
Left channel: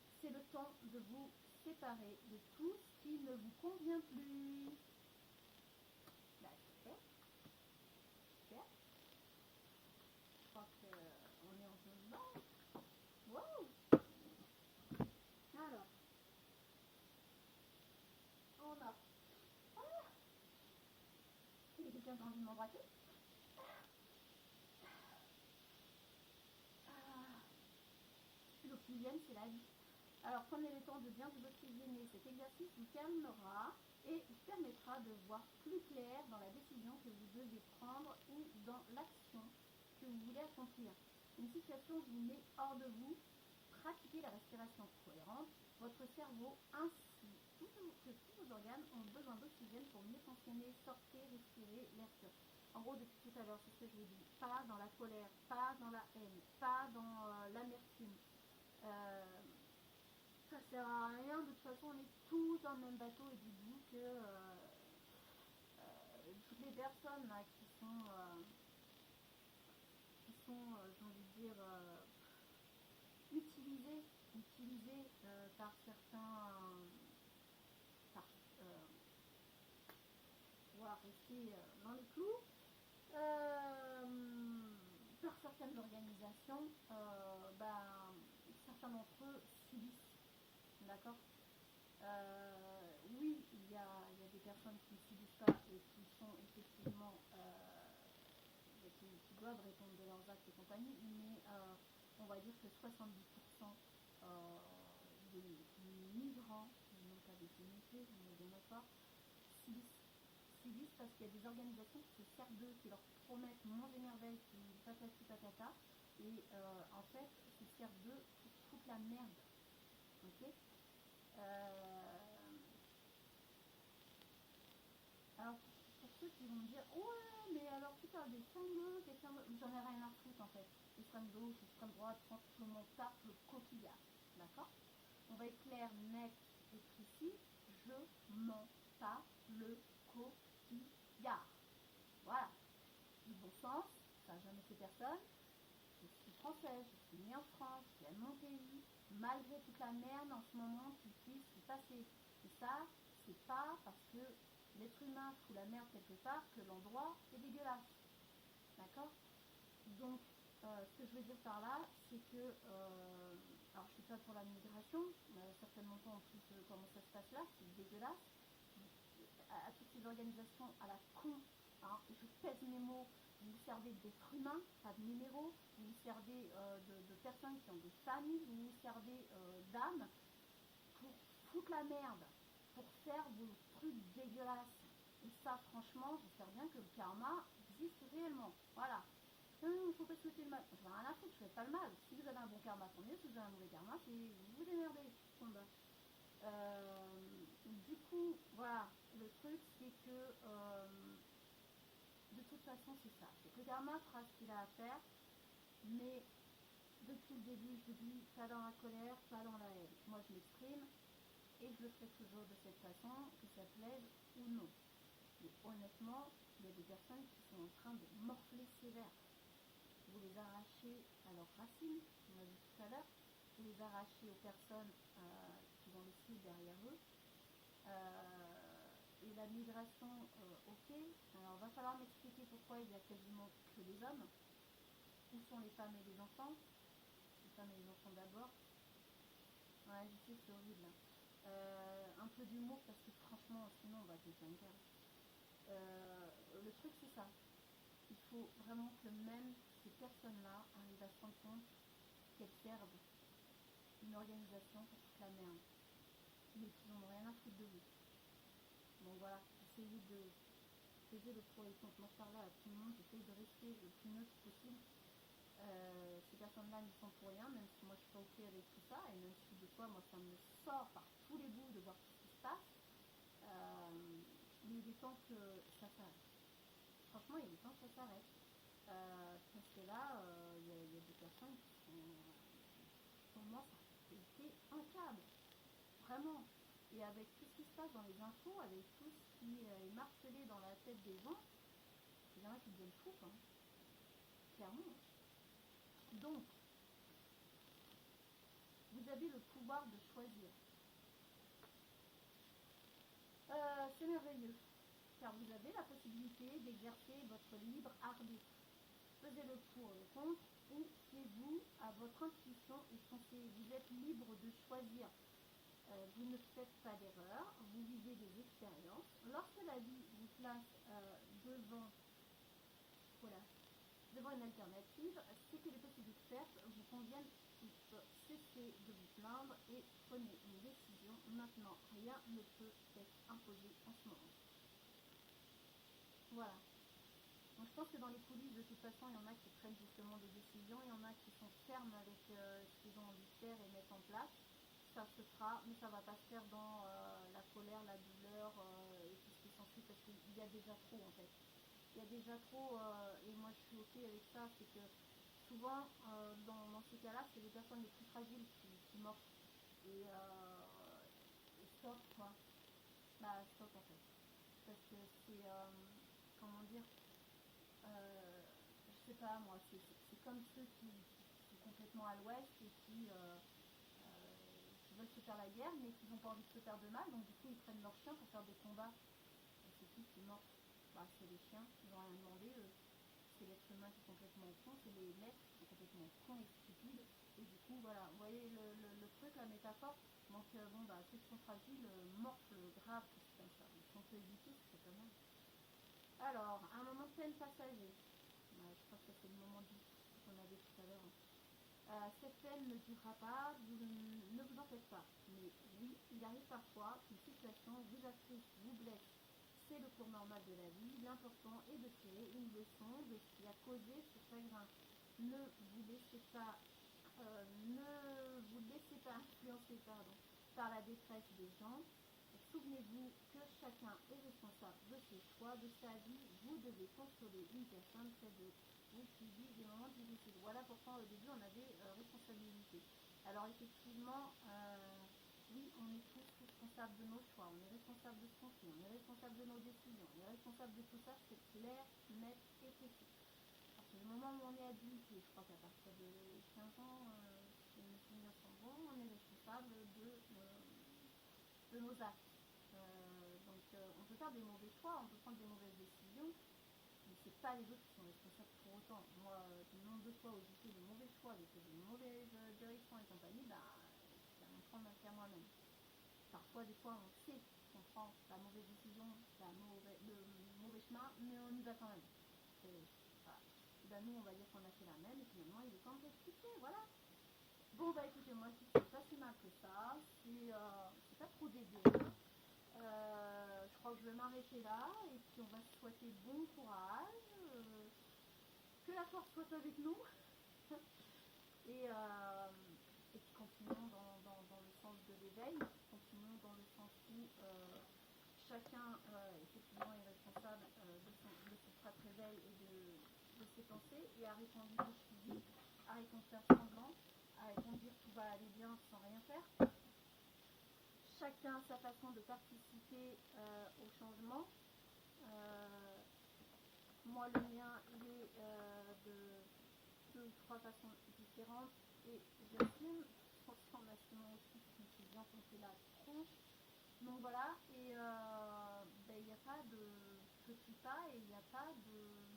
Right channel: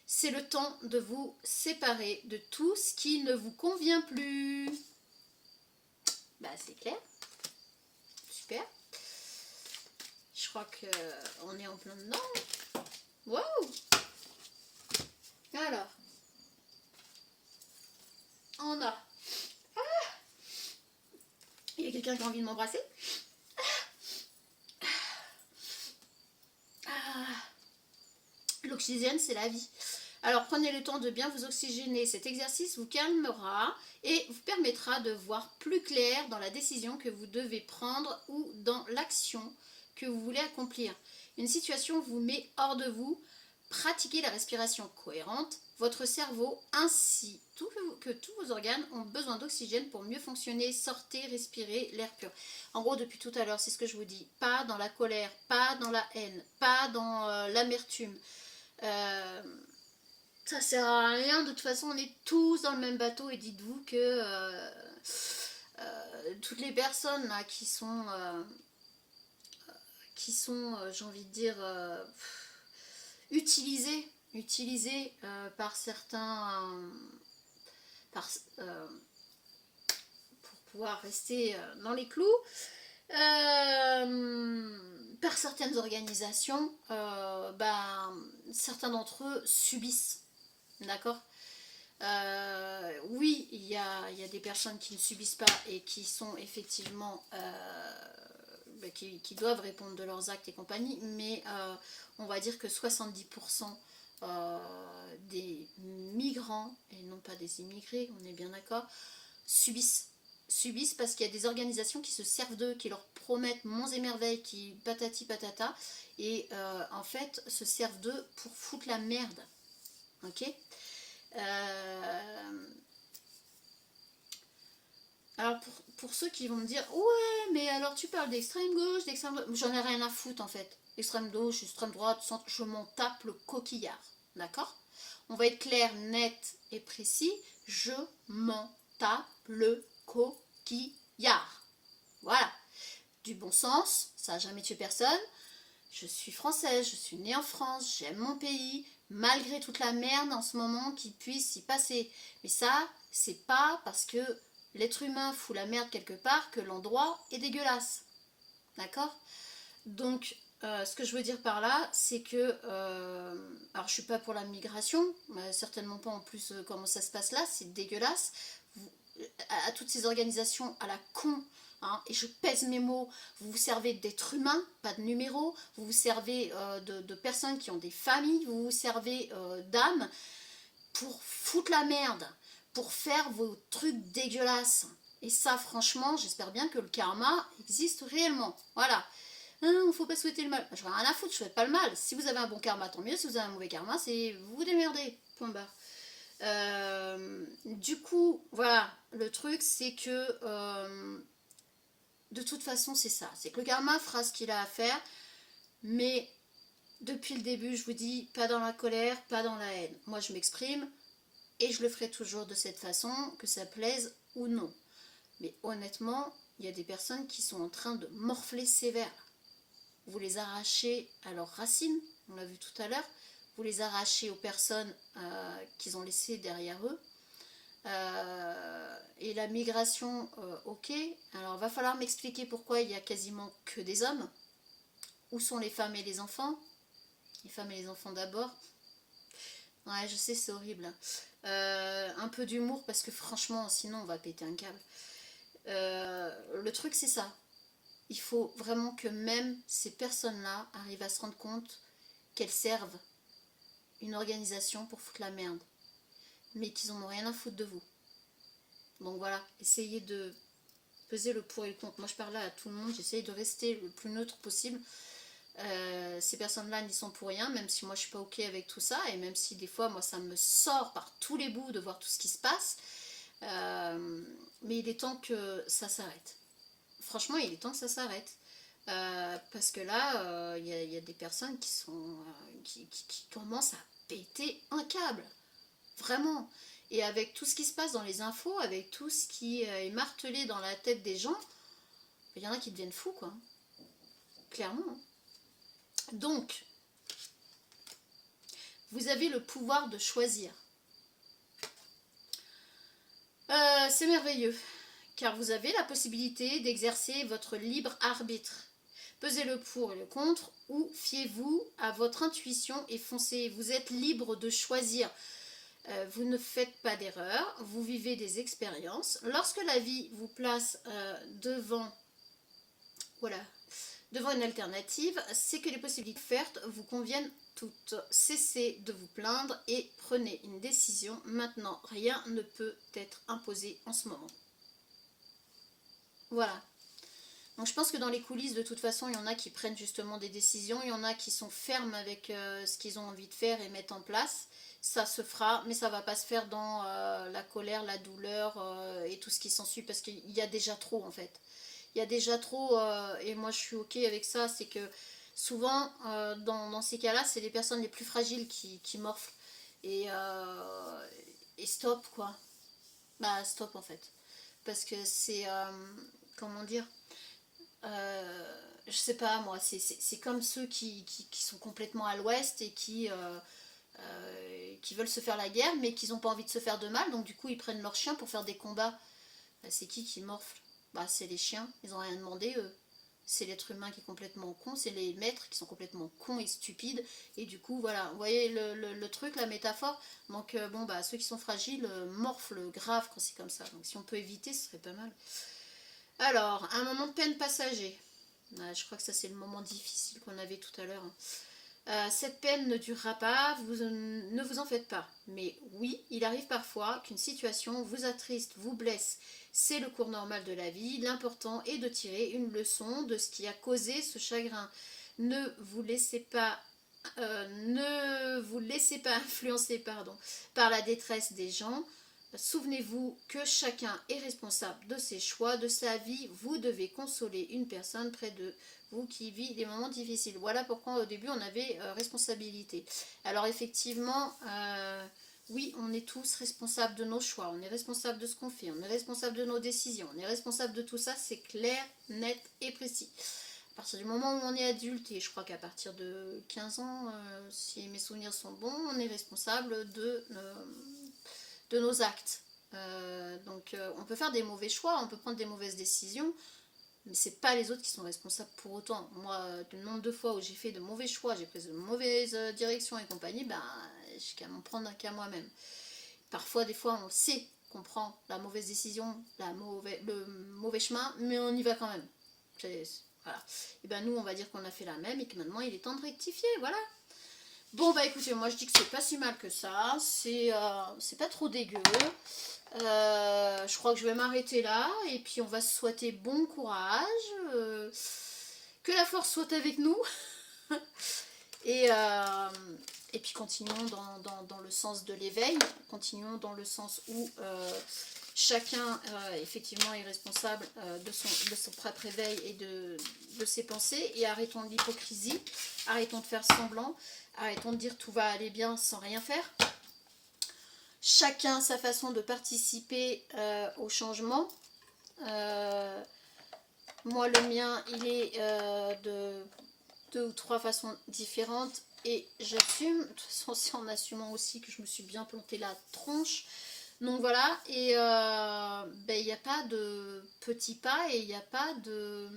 C'est le temps de vous séparer de tout ce qui ne vous convient plus. Bah, c'est clair. Super. Je crois qu'on est en plein dedans. Wow. Alors. On a. Ah, il y a quelqu'un qui a envie de m'embrasser. L'oxygène, c'est la vie. Alors prenez le temps de bien vous oxygéner. Cet exercice vous calmera et vous permettra de voir plus clair dans la décision que vous devez prendre ou dans l'action que vous voulez accomplir. Une situation vous met hors de vous. Pratiquez la respiration cohérente. Votre cerveau ainsi que tous vos organes ont besoin d'oxygène pour mieux fonctionner. Sortez, respirez l'air pur. En gros, depuis tout à l'heure, c'est ce que je vous dis. Pas dans la colère, pas dans la haine, pas dans l'amertume. Ça sert à rien, de toute façon on est tous dans le même bateau et dites-vous que toutes les personnes là qui sont j'ai envie de dire utilisées par certains pour pouvoir rester dans les clous, par certaines organisations, certains d'entre eux subissent D'accord. Oui, il y a des personnes qui ne subissent pas et qui sont effectivement qui doivent répondre de leurs actes et compagnie, mais on va dire que 70% des migrants, et non pas des immigrés, on est bien d'accord, subissent. Subissent parce qu'il y a des organisations qui se servent d'eux, qui leur promettent monts et merveilles, qui patati patata, et en fait se servent d'eux pour foutre la merde. Ok. euh, Alors pour ceux qui vont me dire ouais mais alors tu parles d'extrême gauche, d'extrême droite, j'en ai rien à foutre en fait. Extrême gauche, extrême droite, centre, je m'en tape le coquillard. D'accord. On va être clair, net et précis. Je m'en tape le coquillard. Voilà. Du bon sens, ça n'a jamais tué personne. Je suis française, je suis née en France, j'aime mon pays, malgré toute la merde en ce moment qui puisse s'y passer. Mais ça, c'est pas parce que l'être humain fout la merde quelque part que l'endroit est dégueulasse. D'accord. Donc, ce que je veux dire par là, c'est que... alors, je suis pas pour la migration, certainement pas en plus comment ça se passe là, c'est dégueulasse. À toutes ces organisations à la con, hein, et je pèse mes mots, vous vous servez d'êtres humains, pas de numéros, vous vous servez de personnes qui ont des familles, vous vous servez d'âmes pour foutre la merde, pour faire vos trucs dégueulasses. Et ça, franchement, j'espère bien que le karma existe réellement. Voilà. Il ne faut pas souhaiter le mal. Je n'ai rien à foutre, je ne souhaite pas le mal. Si vous avez un bon karma, tant mieux. Si vous avez un mauvais karma, c'est vous vous démerdez. Point barre. Du coup, voilà, le truc c'est que de toute façon c'est ça, c'est que le karma fera ce qu'il a à faire, mais depuis le début je vous dis, pas dans la colère, pas dans la haine. Moi je m'exprime et je le ferai toujours de cette façon, que ça plaise ou non. Mais honnêtement, il y a des personnes qui sont en train de morfler sévère. Vous les arrachez à leurs racines, on l'a vu tout à l'heure, vous les arrachez aux personnes qu'ils ont laissées derrière eux. Et la migration, ok. Alors, va falloir m'expliquer pourquoi il y a quasiment que des hommes. Où sont les femmes et les enfants? Les femmes et les enfants d'abord. Ouais, je sais, c'est horrible. Un peu d'humour parce que franchement, sinon on va péter un câble. Le truc, c'est ça. Il faut vraiment que même ces personnes-là arrivent à se rendre compte qu'elles servent une organisation pour foutre la merde. Mais qu'ils en ont rien à foutre de vous. Donc voilà, essayez de peser le pour et le contre. Moi je parle là à tout le monde, j'essaye de rester le plus neutre possible. Ces personnes-là n'y sont pour rien, même si moi je suis pas ok avec tout ça, et même si des fois moi ça me sort par tous les bouts de voir tout ce qui se passe. Mais il est temps que ça s'arrête. Franchement, il est temps que ça s'arrête. Parce que là, y a des personnes qui sont qui commencent à péter un câble. Vraiment. Et avec tout ce qui se passe dans les infos, avec tout ce qui est martelé dans la tête des gens, il y en a qui deviennent fous, quoi. Clairement. Donc, vous avez le pouvoir de choisir. C'est merveilleux, car vous avez la possibilité d'exercer votre libre arbitre. Pesez le pour et le contre, ou fiez-vous à votre intuition et foncez. Vous êtes libre de choisir. Vous ne faites pas d'erreur, vous vivez des expériences. Lorsque la vie vous place voilà, devant une alternative, c'est que les possibilités offertes vous conviennent toutes. Cessez de vous plaindre et prenez une décision. Maintenant, rien ne peut être imposé en ce moment. Voilà. Donc je pense que dans les coulisses, de toute façon, il y en a qui prennent justement des décisions, il y en a qui sont fermes avec ce qu'ils ont envie de faire et mettent en place. Ça se fera, mais ça va pas se faire dans la colère, la douleur et tout ce qui s'ensuit, parce qu'il y a déjà trop en fait. Il y a déjà trop, et moi je suis ok avec ça, c'est que souvent dans ces cas-là, c'est les personnes les plus fragiles qui morflent. Et stop quoi. Bah stop en fait. Parce que c'est, comment dire, je sais pas moi, c'est comme ceux qui sont complètement à l'ouest et qui veulent se faire la guerre mais qui n'ont pas envie de se faire de mal, donc du coup ils prennent leurs chiens pour faire des combats. Bah, c'est qui morfle? Bah c'est les chiens, ils ont rien demandé eux. c'est l'être humain qui est complètement con, c'est les maîtres qui sont complètement cons et stupides, et du coup voilà, vous voyez le truc, la métaphore. Donc bon bah ceux qui sont fragiles morflent grave quand c'est comme ça, donc si on peut éviter ce serait pas mal. Alors, un moment de peine passager. Je crois que ça c'est le moment difficile qu'on avait tout à l'heure. Cette peine ne durera pas, ne vous en faites pas. Mais oui, il arrive parfois qu'une situation vous attriste, vous blesse. C'est le cours normal de la vie. L'important est de tirer une leçon de ce qui a causé ce chagrin. Ne vous laissez pas, ne vous laissez pas influencer par la détresse des gens. Souvenez-vous que chacun est responsable de ses choix, de sa vie. Vous devez consoler une personne près de vous qui vit des moments difficiles. Voilà pourquoi au début on avait responsabilité. Alors effectivement, oui, on est tous responsables de nos choix, on est responsable de ce qu'on fait, on est responsable de nos décisions, on est responsable de tout ça, c'est clair, net et précis. À partir du moment où on est adulte, et je crois qu'à partir de 15 ans, si mes souvenirs sont bons, on est responsable de nos actes. Donc on peut faire des mauvais choix, on peut prendre des mauvaises décisions, mais c'est pas les autres qui sont responsables pour autant. Moi, le nombre de fois où j'ai fait de mauvais choix, j'ai pris de mauvaises directions et compagnie, ben, j'ai qu'à m'en prendre qu'à moi-même. Parfois, des fois, on sait qu'on prend la mauvaise décision, le mauvais chemin, mais on y va quand même. Voilà. Et ben nous, on va dire qu'on a fait la même et que maintenant, il est temps de rectifier, voilà. Bon, bah écoutez, moi je dis que c'est pas si mal que ça, c'est pas trop dégueu. Je crois que je vais m'arrêter là et puis on va se souhaiter bon courage, que la force soit avec nous et, euh, et puis continuons dans le sens de l'éveil, continuons dans le sens où chacun effectivement est responsable de son propre éveil et de ses pensées, et arrêtons l'hypocrisie, arrêtons de faire semblant, arrêtons de dire tout va aller bien sans rien faire. Chacun sa façon de participer au changement. Moi, le mien, il est de 2 ou 3 façons différentes et j'assume. De toute façon, c'est en assumant aussi que je me suis bien planté la tronche. Donc voilà, et il n'y a pas de petits pas et il n'y a pas de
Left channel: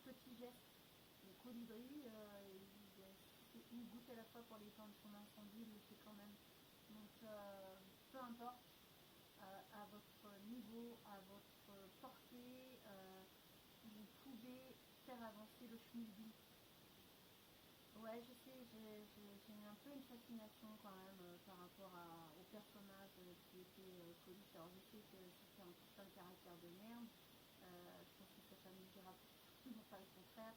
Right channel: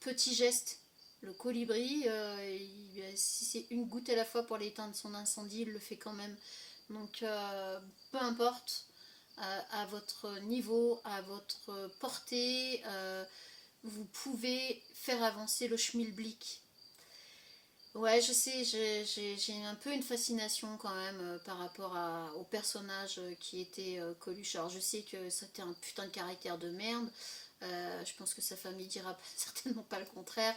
petits gestes. Le colibri, si c'est une goutte à la fois pour l'éteindre son incendie, il le fait quand même. Donc peu importe, à votre niveau, à votre portée, vous pouvez faire avancer le schmilblick. Ouais, je sais, j'ai un peu une fascination quand même par rapport au personnage qui était Coluche. Alors je sais que c'était un putain de caractère de merde. Je pense que sa famille dira certainement pas le contraire.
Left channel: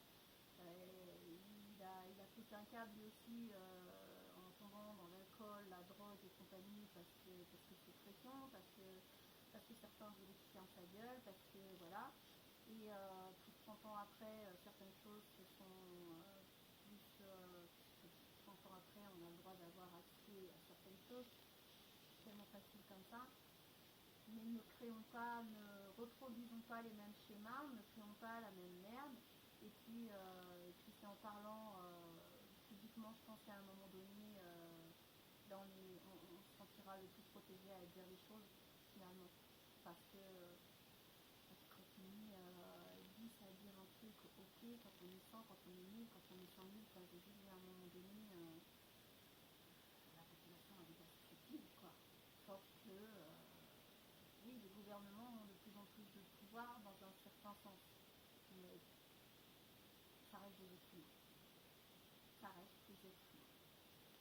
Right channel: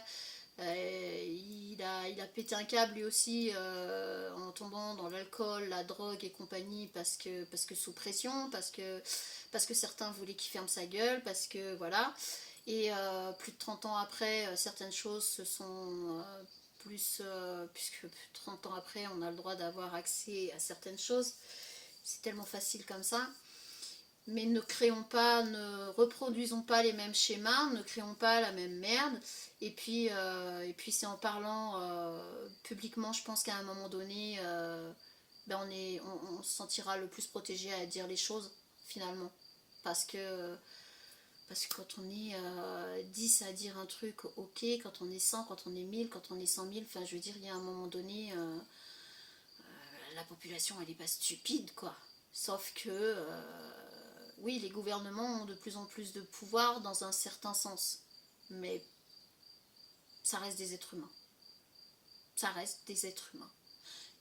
Il a pété un câble lui aussi en tombant dans l'alcool, la drogue et compagnie parce que sous pression, parce que certains voulaient qu'il ferme sa gueule, parce que voilà. Et plus de 30 ans après, certaines choses se sont puisque plus de 30 ans après, on a le droit d'avoir accès à certaines choses. C'est tellement facile comme ça. Mais ne créons pas, ne reproduisons pas les mêmes schémas, ne créons pas la même merde. Et puis c'est en parlant publiquement, je pense qu'à un moment donné, on se sentira le plus protégé à dire les choses, finalement. Parce que quand on est 10 à dire un truc, ok, quand on est 100, quand on est 1000, quand on est 100 000, enfin je veux dire, il y a un moment donné, la population elle est pas stupide quoi. Sauf que, oui, les gouvernements ont de plus en plus de pouvoir dans un certain sens. Mais ça reste des êtres humains. Ça reste des êtres humains.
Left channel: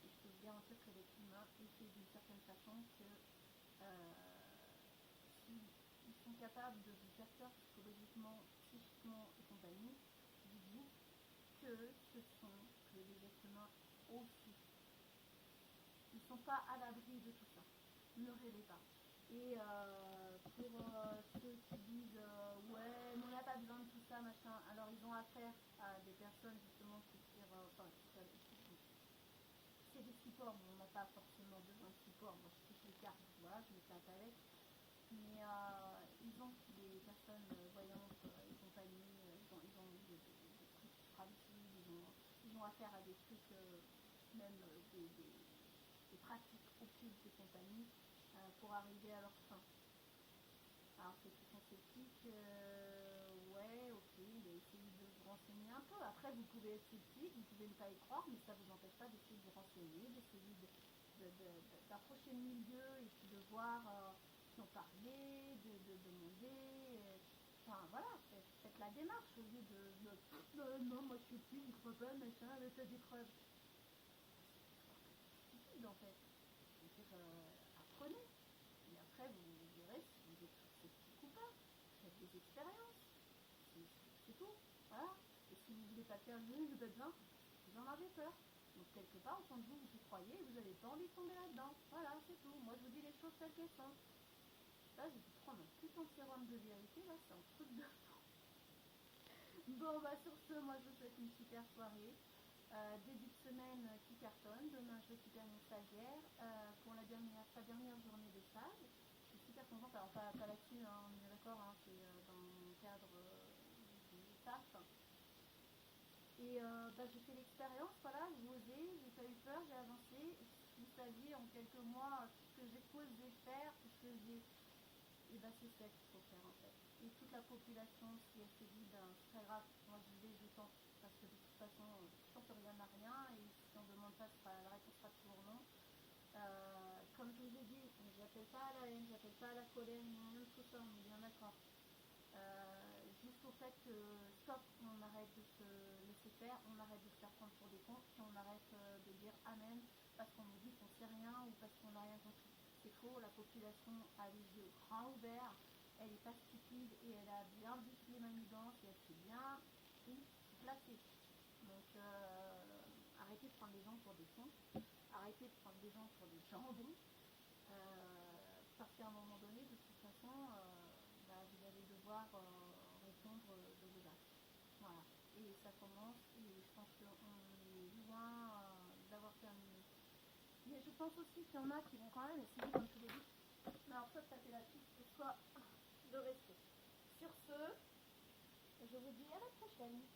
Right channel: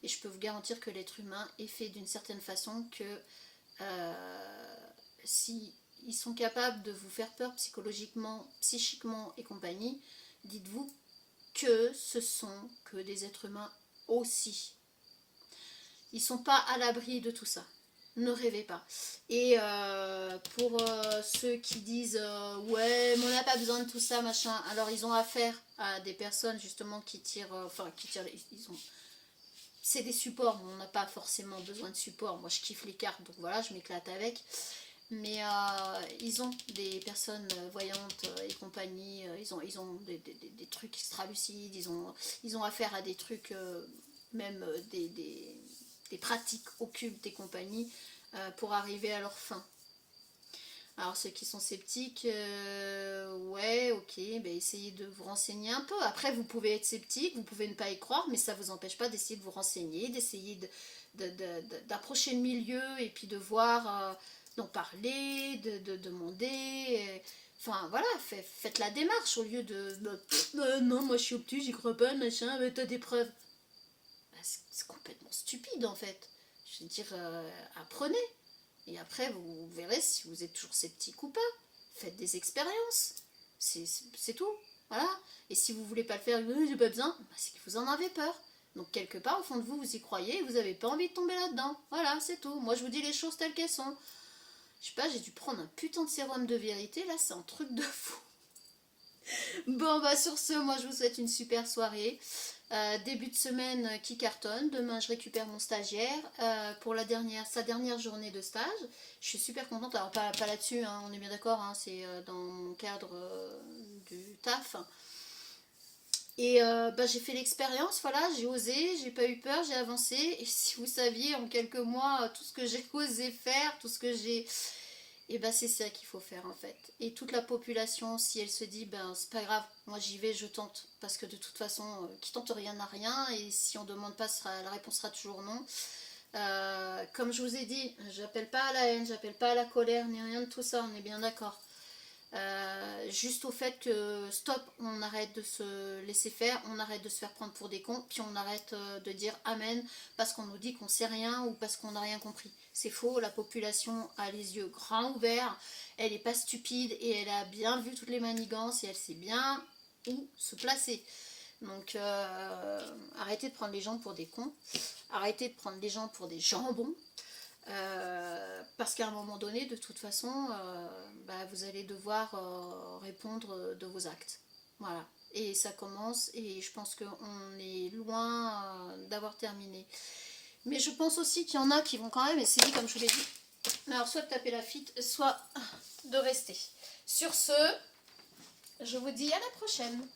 Et je peux vous garantir que l'être humain est fait d'une certaine façon que si ils sont capables de vous faire peur psychologiquement, psychiquement et compagnie, dites-vous que ce sont que des êtres humains aussi. Ils ne sont pas à l'abri de tout ça. Ne rêvez pas. Et pour ceux qui disent ouais, mais on n'a pas besoin de tout ça, machin, alors ils ont affaire à des personnes justement qui tirent, c'est des supports, mais on n'a pas forcément besoin de support. Moi je kiffe les cartes, donc voilà, je m'éclate avec. Mais ils ont des personnes voyantes et compagnie, ils ont des trucs extra-lucides, ils ont affaire à des trucs, même des pratiques occultes et compagnie, pour arriver à leur fin. Alors ceux qui sont sceptiques, ouais, ok, ben essayez de vous renseigner un peu. Après, vous pouvez être sceptique, vous pouvez ne pas y croire, mais ça ne vous empêche pas d'essayer de vous renseigner, d'essayer d'approcher le milieu et puis de voir, d'en parler, de demander. Enfin voilà, faites la démarche au lieu non, moi je suis optique, j'y crois pas, machin, mais t'as des preuves. Bah, c'est complètement stupide en fait. Je veux dire, apprenez. Et après, vous verrez si vous êtes toujours sceptique ou pas. Faites des expériences. C'est tout. Voilà. Et si vous voulez pas le faire, j'ai pas besoin, bah, c'est que vous en avez peur. Donc quelque part, au fond de vous, vous y croyez et vous n'avez pas envie de tomber là-dedans. Voilà, c'est tout. Moi, je vous dis les choses telles qu'elles sont. Je sais pas, j'ai dû prendre un putain de sérum de vérité. Là, c'est un truc de fou. Bon, bah sur ce, moi, je vous souhaite une super soirée. Début de semaine qui cartonne. Demain, je récupère mon stagiaire pour sa dernière journée de stage. Je suis super contente. Alors, pas là-dessus, hein, on est bien d'accord, hein, c'est dans mon cadre du taf. Et bah, j'ai fait l'expérience, voilà, j'ai osé, j'ai pas eu peur, j'ai avancé. Et si vous saviez en quelques mois tout ce que j'ai osé faire, tout ce que j'ai. Et ben c'est ça qu'il faut faire en fait. Et toute la population, si elle se dit, ben c'est pas grave, moi j'y vais, je tente. Parce que de toute façon, qui tente rien n'a rien. Et si on demande pas, la réponse sera toujours non. Comme je vous ai dit, j'appelle pas à la haine, j'appelle pas à la colère, ni rien de tout ça, on est bien d'accord. Juste au fait que stop, on arrête de se laisser faire, on arrête de se faire prendre pour des cons, puis on arrête de dire amen parce qu'on nous dit qu'on sait rien ou parce qu'on n'a rien compris. C'est faux, la population a les yeux grands ouverts, elle n'est pas stupide et elle a bien vu toutes les manigances et elle sait bien où se placer. Donc arrêtez de prendre les gens pour des cons, arrêtez de prendre les gens pour des jambons. Parce qu'à un moment donné, de toute façon, bah, vous allez devoir répondre de vos actes. Voilà. Et ça commence, et je pense qu'on est loin d'avoir terminé. Mais je pense aussi qu'il y en a qui vont quand même essayer, comme je vous l'ai dit, alors soit de taper la fitte, soit de rester. Sur ce, je vous dis à la prochaine.